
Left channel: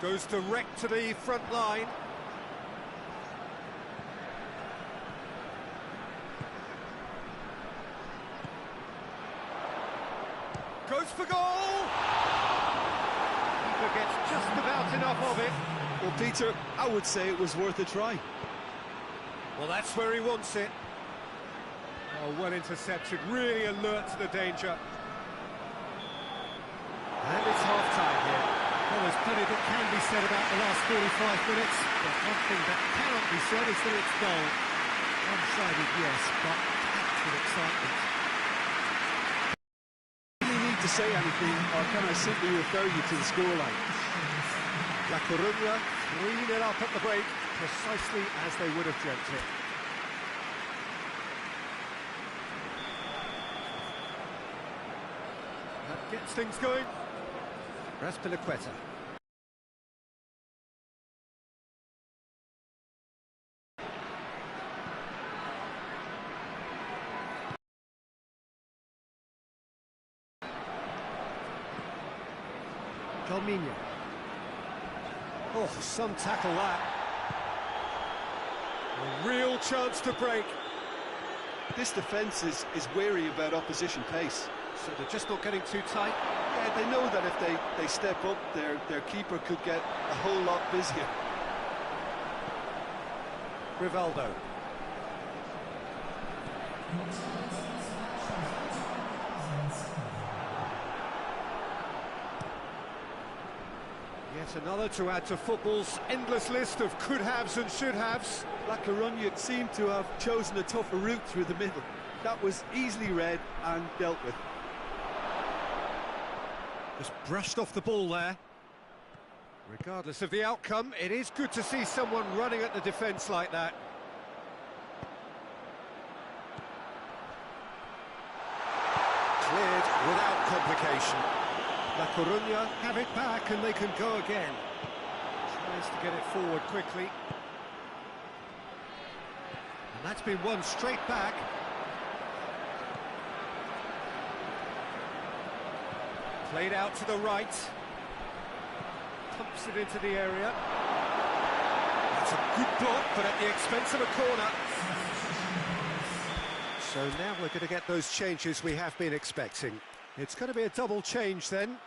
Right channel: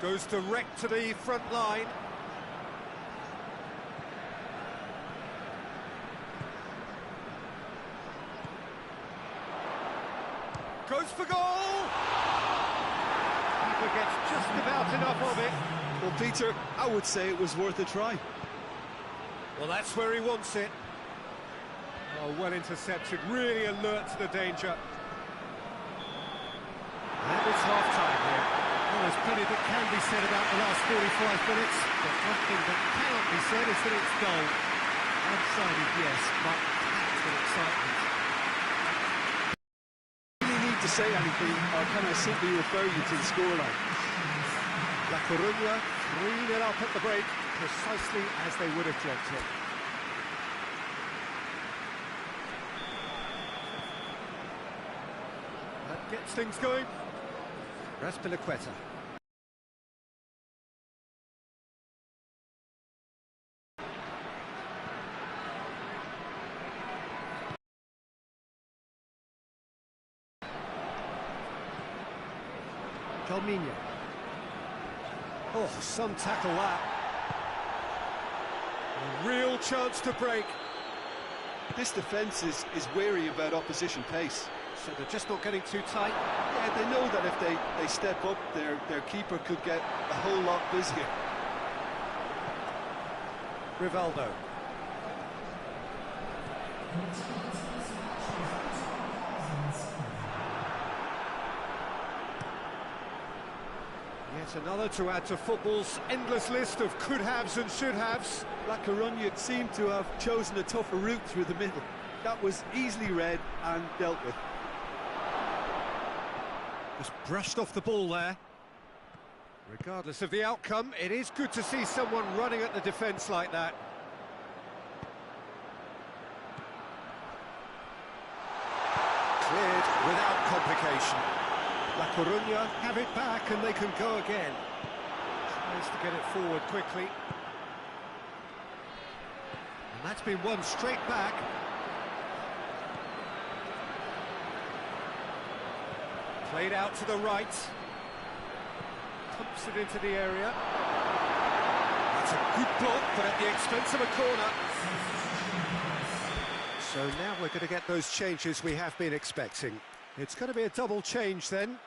Goes direct to the front line. Goes for goal! Keeper gets just about enough of it. Well, Peter, I would say it was worth a try. Well, that's where he wants it. Oh, well intercepted, really alert to the danger. And it's half-time here. Well, there's plenty that can be said about the last 45 minutes, but one thing that cannot be said is that it's dull. One-sided, yes, but packed with excitement. Do you really need to say anything, or can I simply refer you to the scoreline? La Coruña 3-0 up at the break, precisely as they would have dreamt it. That gets things going. Raspilicueta. Calminha. Oh, some tackle that. A real chance to break. This defence is wary about opposition pace. So they're just not getting too tight. Yeah, they know that if they step up, their keeper could get a whole lot busier. Rivaldo. Yet another to add to football's endless list of could-haves and should-haves. La Coruña seemed to have chosen a tougher route through the middle. That was easily read and dealt with. Just brushed off the ball there. Regardless of the outcome, it is good to see someone running at the defence like that. Cleared without complication. La Coruña have it back and they can go again. Tries to get it forward quickly. And that's been won straight back. Played out to the right. Pumps it into the area. That's a good block, but at the expense of a corner. So now we're going to get those changes we have been expecting. It's going to be a double change then.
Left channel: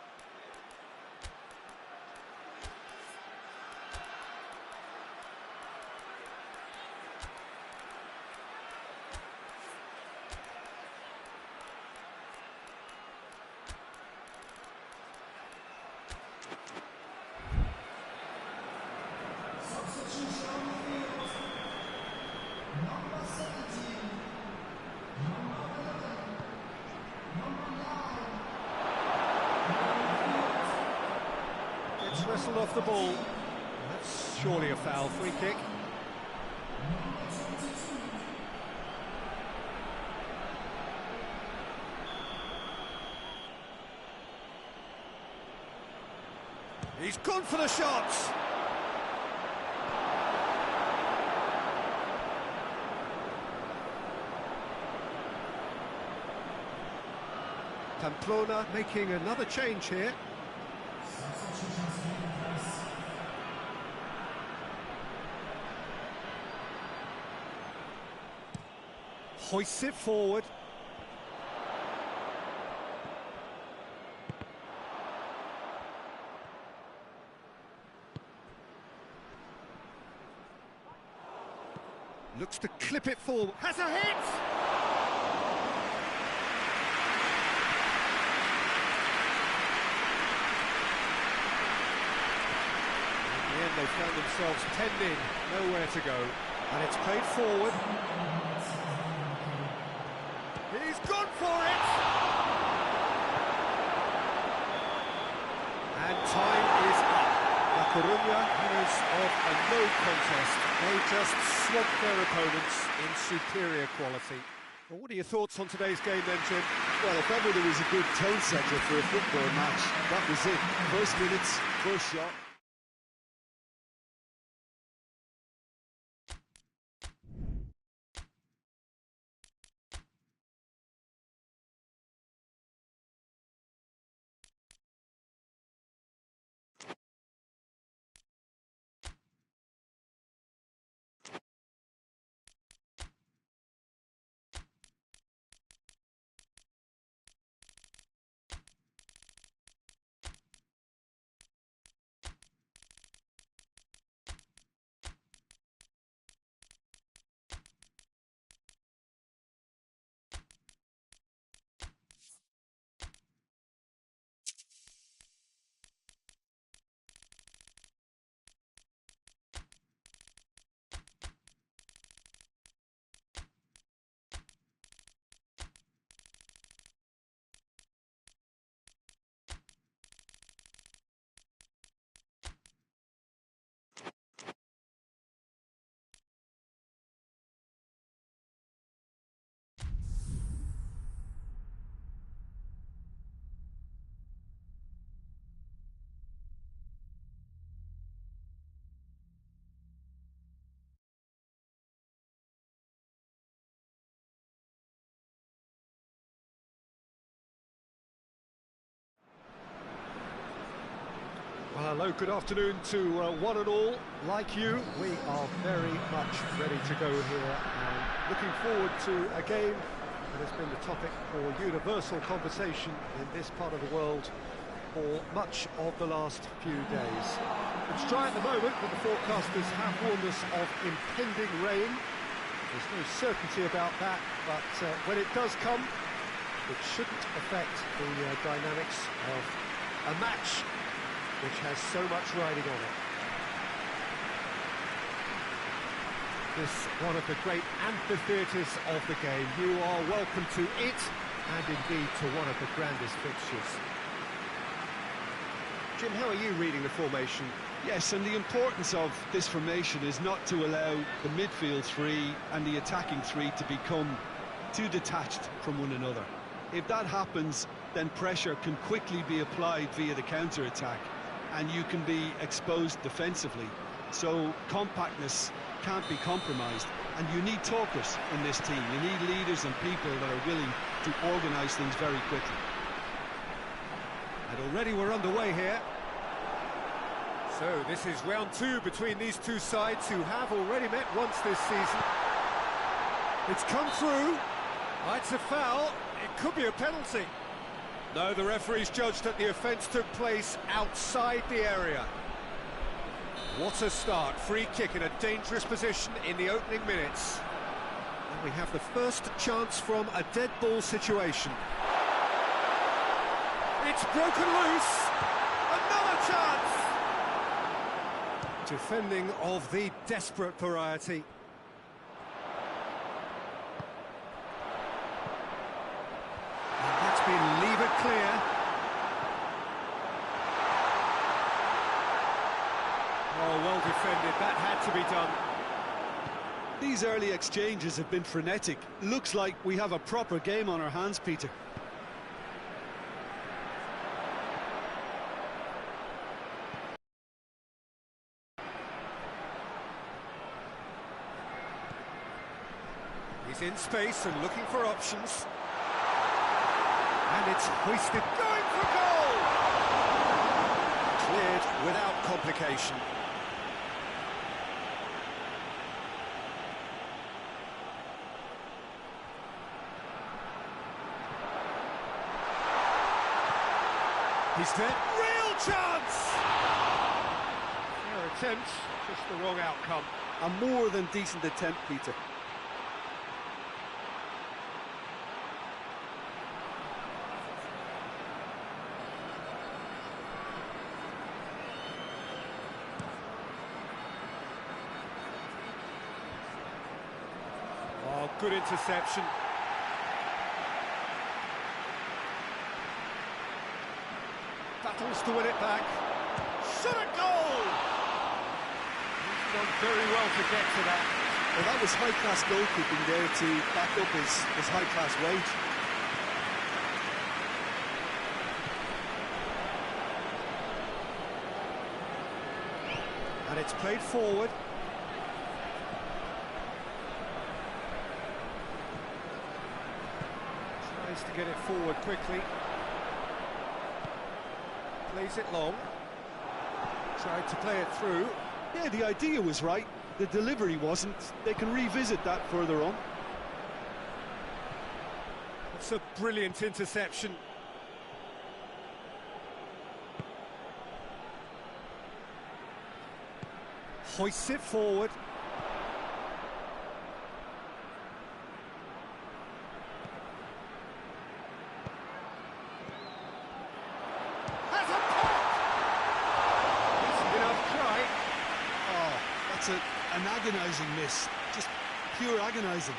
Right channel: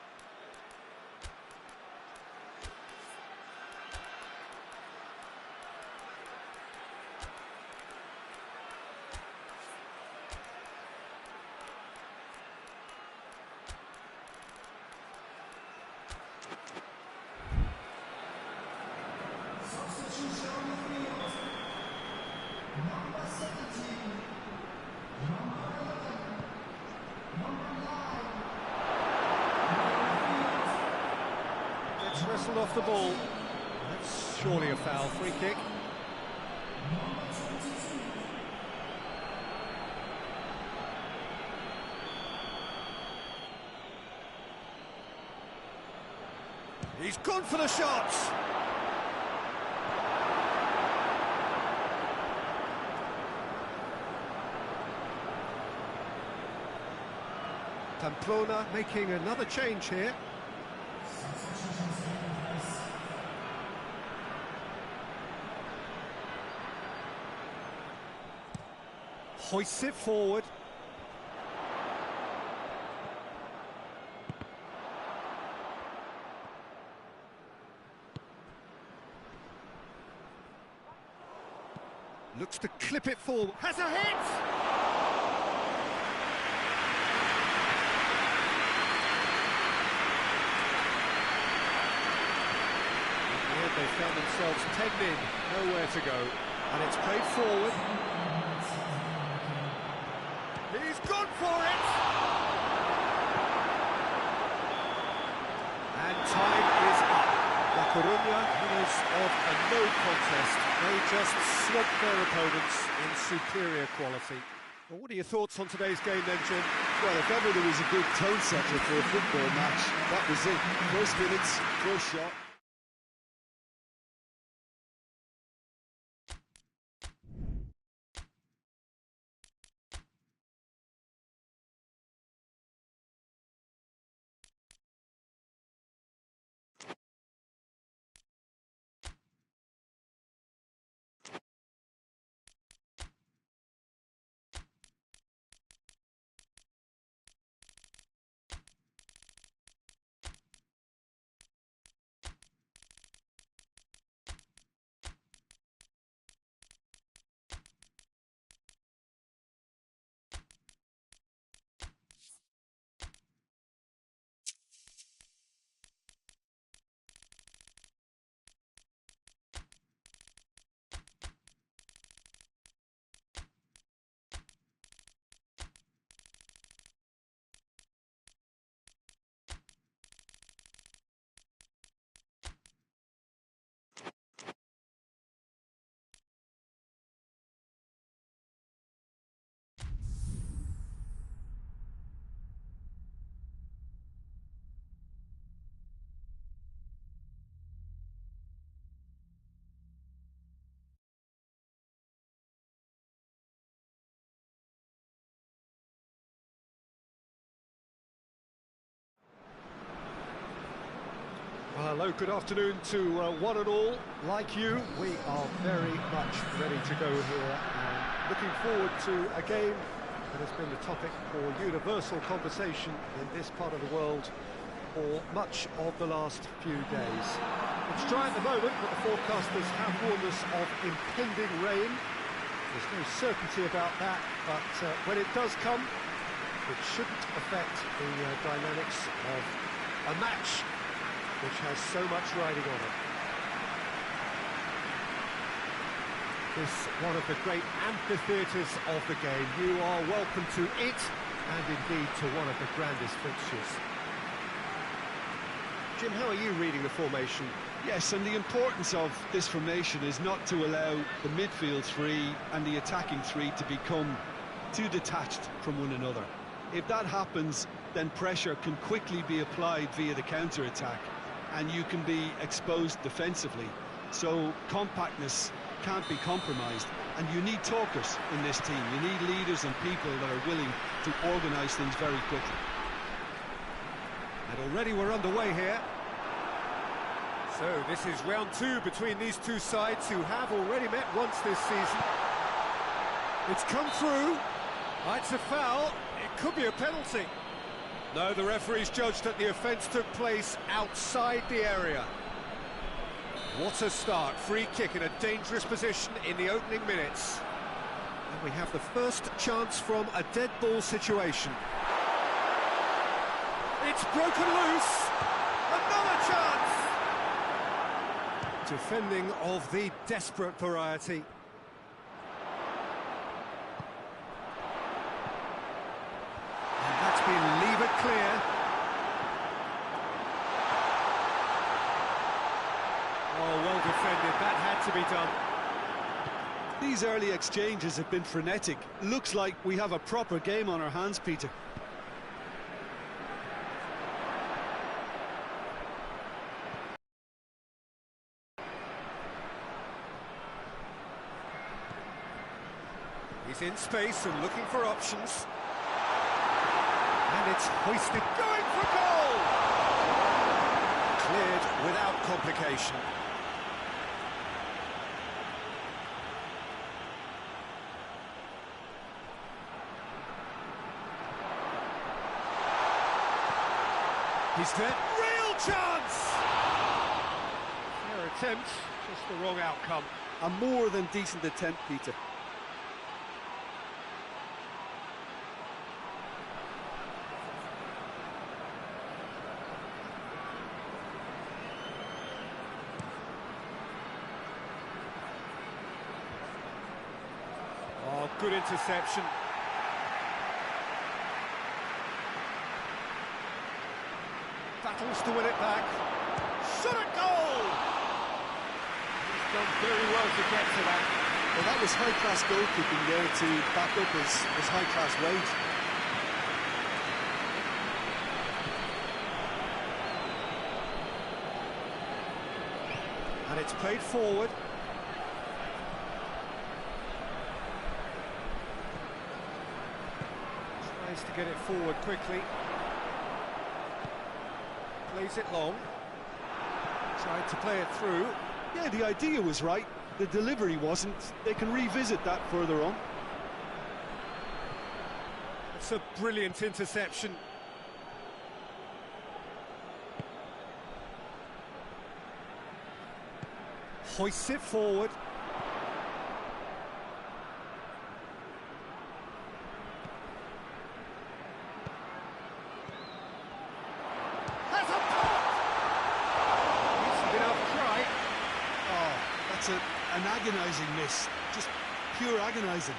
Gets wrestled off the ball. That's surely a foul. Free kick. He's gone for the shots. Pamplona making another change here. Hoists it forward. Looks to clip it forward. Has a hit! In the end, they found themselves penned in, nowhere to go. And it's played forward. He's gone for it! And time is up. La Coruña winners of a no contest. They just swamped their opponents in superior quality. Well, what are your thoughts on today's game then, Jim? Well, if ever there was a good tone setter for a football match, that was it. First minutes, first shot. Well, hello, good afternoon to one and all. Like you, we are very much ready to go here and looking forward to a game that has been the topic for universal conversation in this part of the world for much of the last few days. It's dry at the moment, but the forecasters have warned us of impending rain. There's no certainty about that, but when it does come, it shouldn't affect the dynamics of a match which has so much riding on it. This one of the great amphitheatres of the game. You are welcome to it, and indeed to one of the grandest fixtures. Jim, how are you reading the formation? Yes, and the importance of this formation is not to allow the midfield three and the attacking three to become too detached from one another. If that happens, then pressure can quickly be applied via the counter-attack, and you can be exposed defensively. So compactness can't be compromised, and you need talkers in this team. You need leaders and people that are willing to organise things very quickly. And already we're underway here. So this is round two between these two sides who have already met once this season. It's come through. Oh, it's a foul. It could be a penalty. No, the referee's judged that the offence took place outside the area. What a start. Free kick in a dangerous position in the opening minutes. And we have the first chance from a dead ball situation. It's broken loose. Another chance. Defending of the desperate variety. And that's been levered clear. Oh, well defended. That had to be done. These early exchanges have been frenetic. Looks like we have a proper game on our hands, Peter. He's in space and looking for options. And it's hoisted, going for goal! Cleared without complication. He's there. Real chance! Fair attempt, just the wrong outcome. A more than decent attempt, Peter. Oh, good interception. Battles to win it back. Shot at goal! He's done very well to get to that. Well, that was high-class goalkeeping there to back up his high-class wage. And it's played forward. Tries to get it forward quickly. Plays it long. Tried to play it through. Yeah, the idea was right. The delivery wasn't. They can revisit that further on. It's a brilliant interception. Hoists it forward. Has a pop! Decent enough try. Oh, that's an agonising miss. Just pure agonising.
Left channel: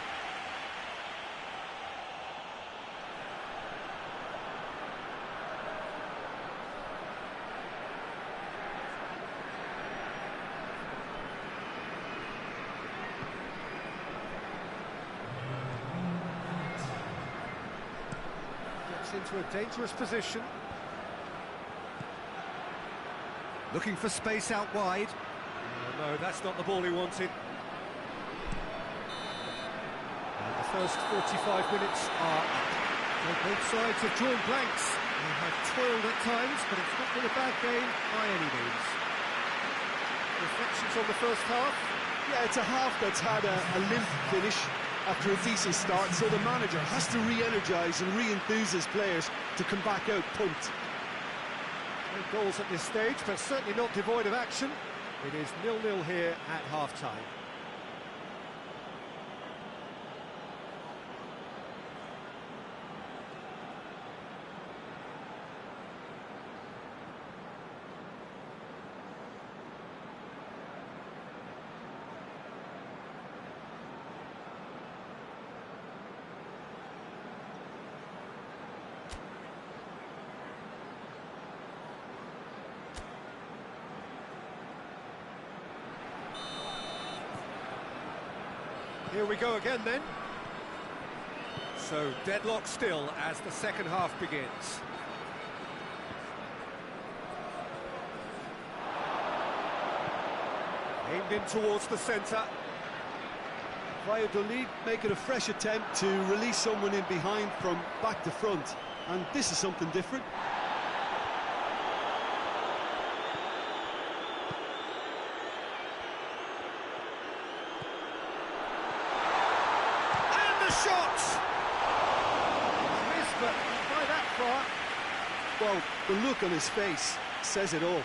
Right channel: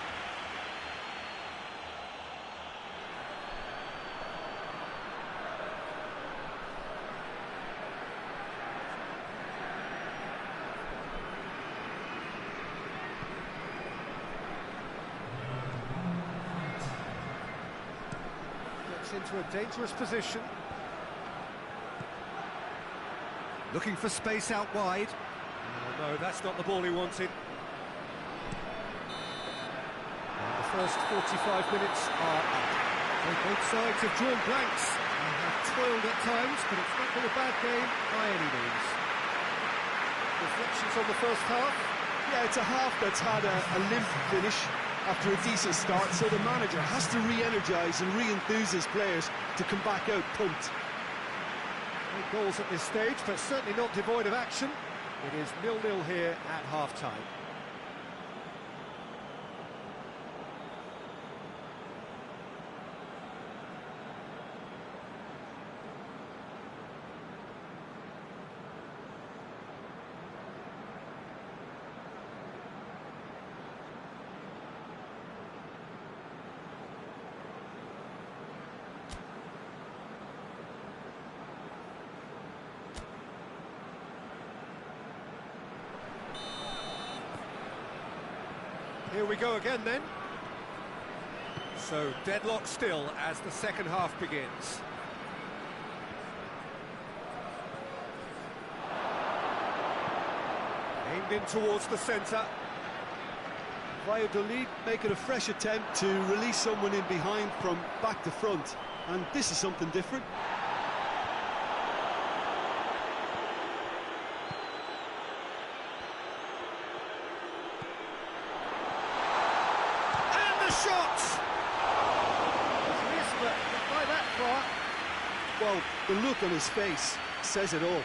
Into a dangerous position. Looking for space out wide. Oh, no, that's not the ball he wanted. And the first 45 minutes are up. Well, both sides have drawn blanks. They have toiled at times, but it's not been a bad game by any means. Reflections on the first half? Yeah, it's a half that's had a limp finish after a decent start, so the manager has to re-energise and re-enthuse his players to come back out pumped. No goals at this stage, but certainly not devoid of action. It is 0-0 here at half-time. Here we go again then. So deadlock still as the second half begins. Aimed in towards the centre. Valladolid making a fresh attempt to release someone in behind from back to front, and this is something different. Shot! He's missed, but not by that far. Well, the look on his face says it all.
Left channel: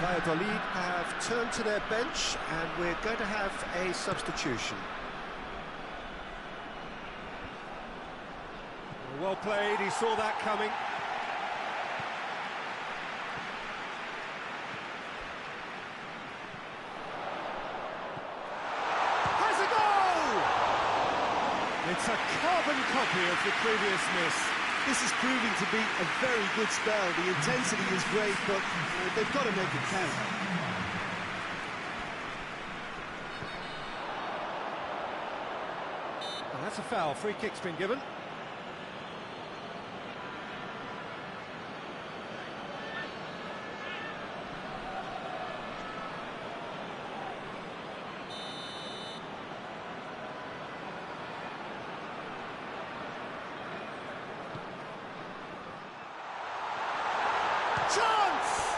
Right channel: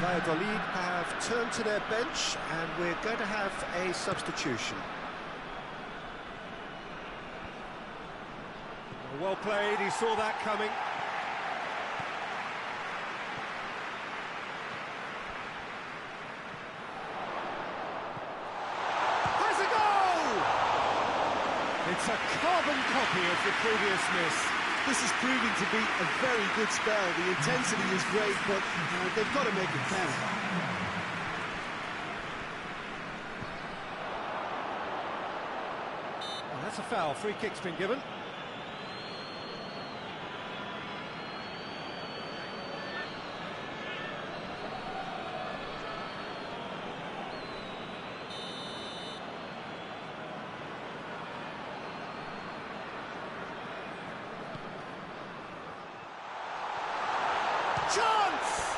Valladolid have turned to their bench, and we're going to have a substitution. Well played, he saw that coming. Has a goal! It's a carbon copy of the previous miss. This is proving to be a very good spell. The intensity is great, but they've got to make it count. Well, that's a foul. Free kick's been given. Chance!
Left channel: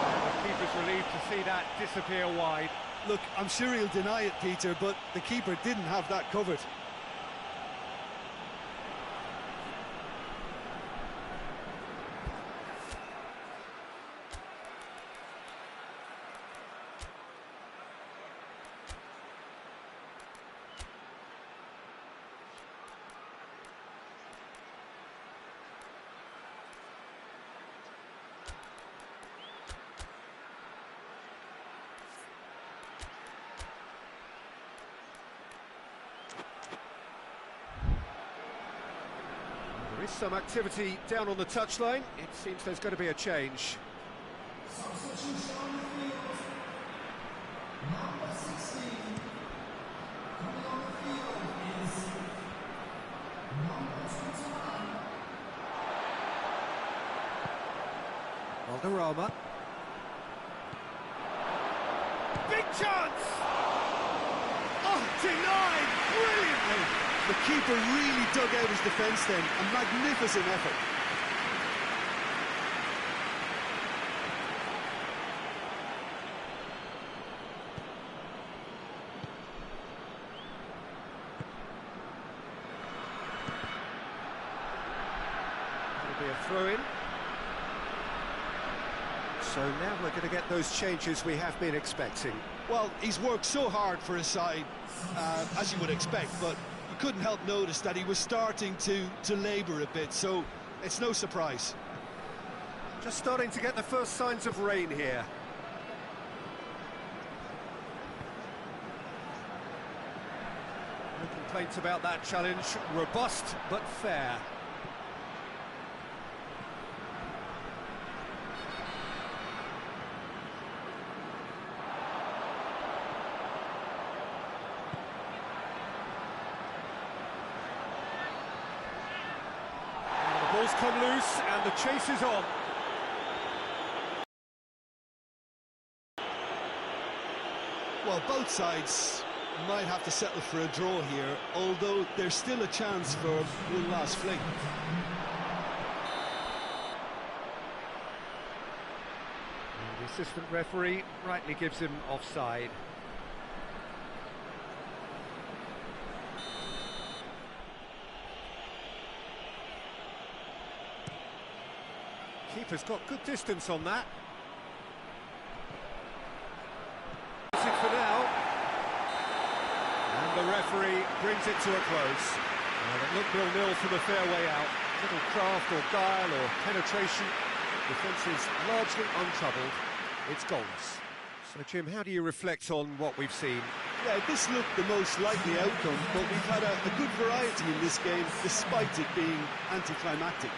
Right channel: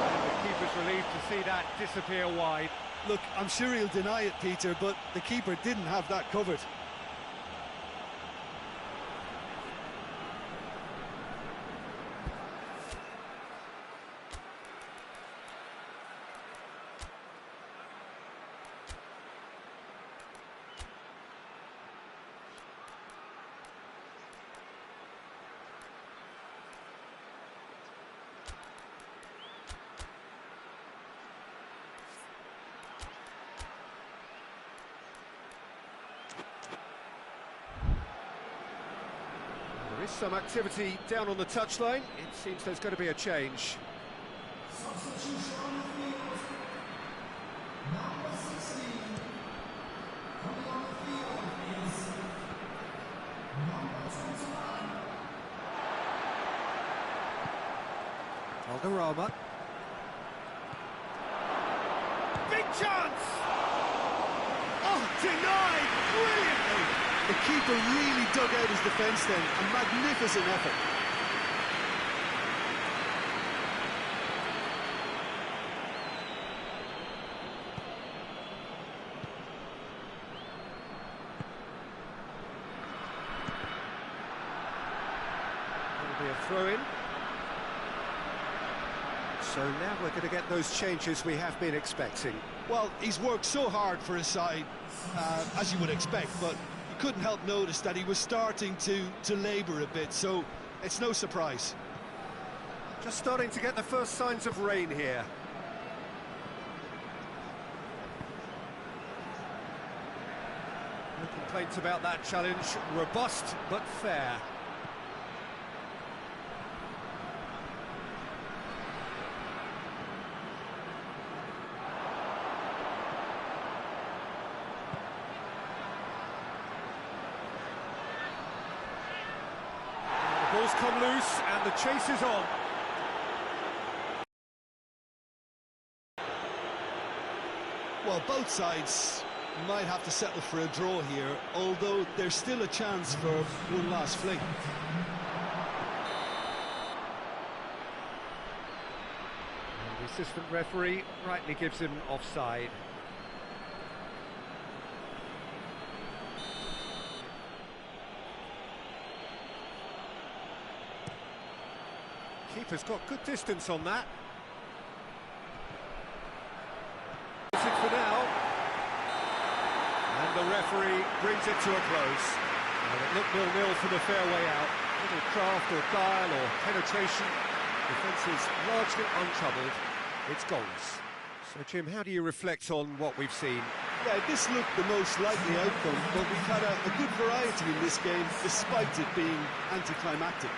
And the keeper's relieved to see that disappear wide. Look, I'm sure he'll deny it, Peter, but the keeper didn't have that covered. There is some activity down on the touchline. It seems there's going to be a change. Valderrama. Big chance! Oh, denied brilliantly! The keeper really dug out his defence then. A magnificent effort. That'll be a throw-in. So now we're going to get those changes we have been expecting. Well, he's worked so hard for his side, as you would expect, but you couldn't help notice that he was starting to labour a bit, so it's no surprise. Just starting to get the first signs of rain here. No complaints about that challenge. Robust but fair. Ball's come loose and the chase is on. Well, both sides might have to settle for a draw here, although there's still a chance for one last fling. And the assistant referee rightly gives him offside. Keeper's got good distance on that. That's it for now. And the referee brings it to a close. Well, it looked 0-0 from a fair way out. Little craft or guile or penetration. Defence is largely untroubled. It's goalless. So, Jim, how do you reflect on what we've seen? Yeah, this looked the most likely outcome, but we've had a good variety in this game, despite it being anticlimactic.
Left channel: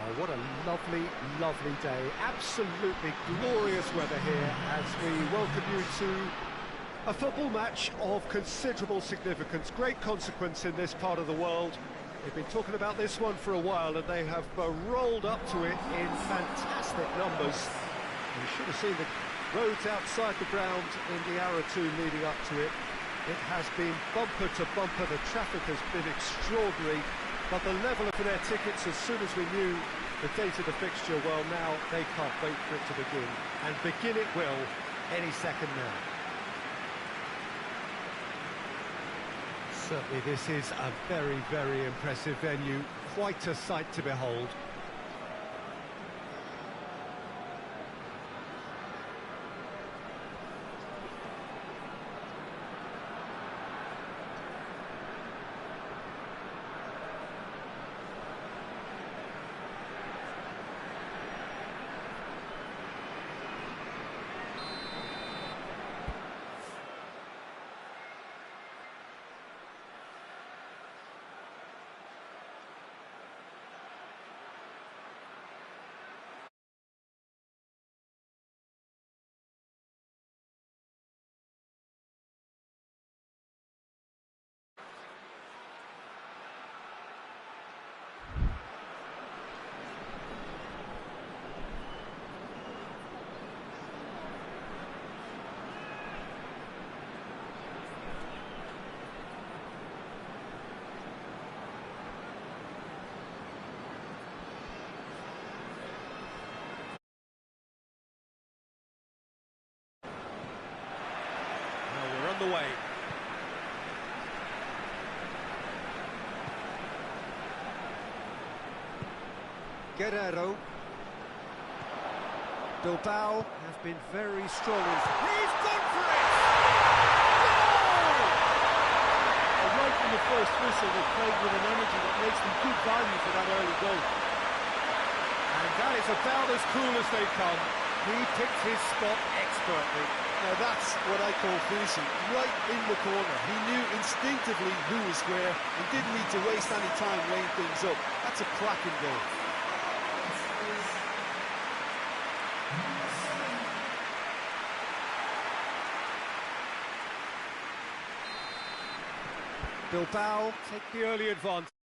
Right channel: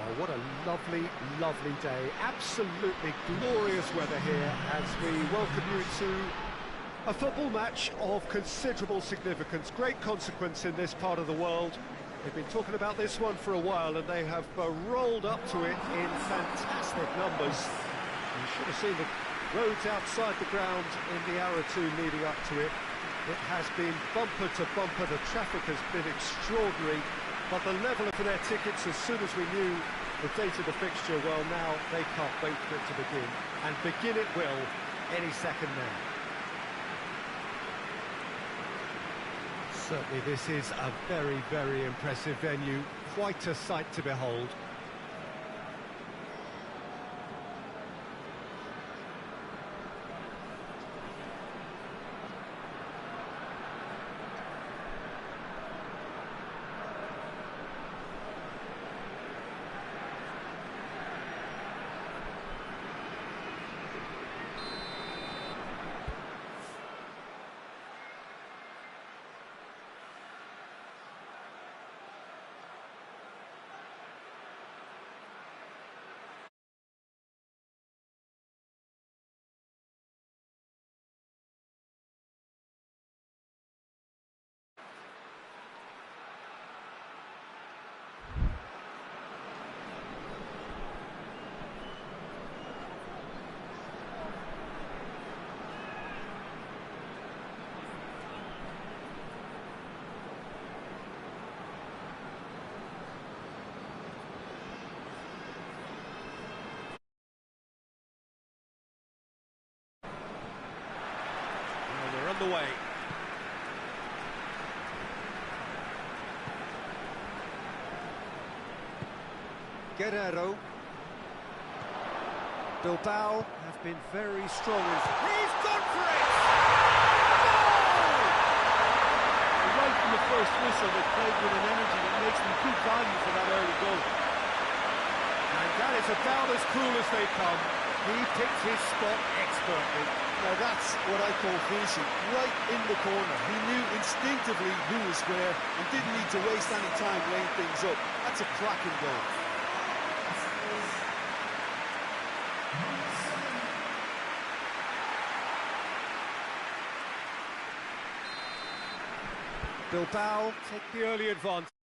Well, what a lovely, lovely day. Absolutely glorious weather here as we welcome you to a football match of considerable significance. Great consequence in this part of the world. They've been talking about this one for a while and they have rolled up to it in fantastic numbers. You should have seen the roads outside the ground in the hour or two leading up to it. It has been bumper to bumper. The traffic has been extraordinary. But the level of their tickets, as soon as we knew the date of the fixture, well, now they can't wait for it to begin. And begin it will any second now. Certainly this is a very, very impressive venue. Quite a sight to behold. The way. Guerrero. Bilbao have been very strong. He's gone for it! Goal! Right from the first whistle, they played with an energy that makes them good value for that early goal. And that is about as cool as they come. He picked his spot expertly. Now that's what I call finishing, right in the corner. He knew instinctively who was where and didn't need to waste any time weighing things up. That's a cracking goal. Bilbao take the early advantage.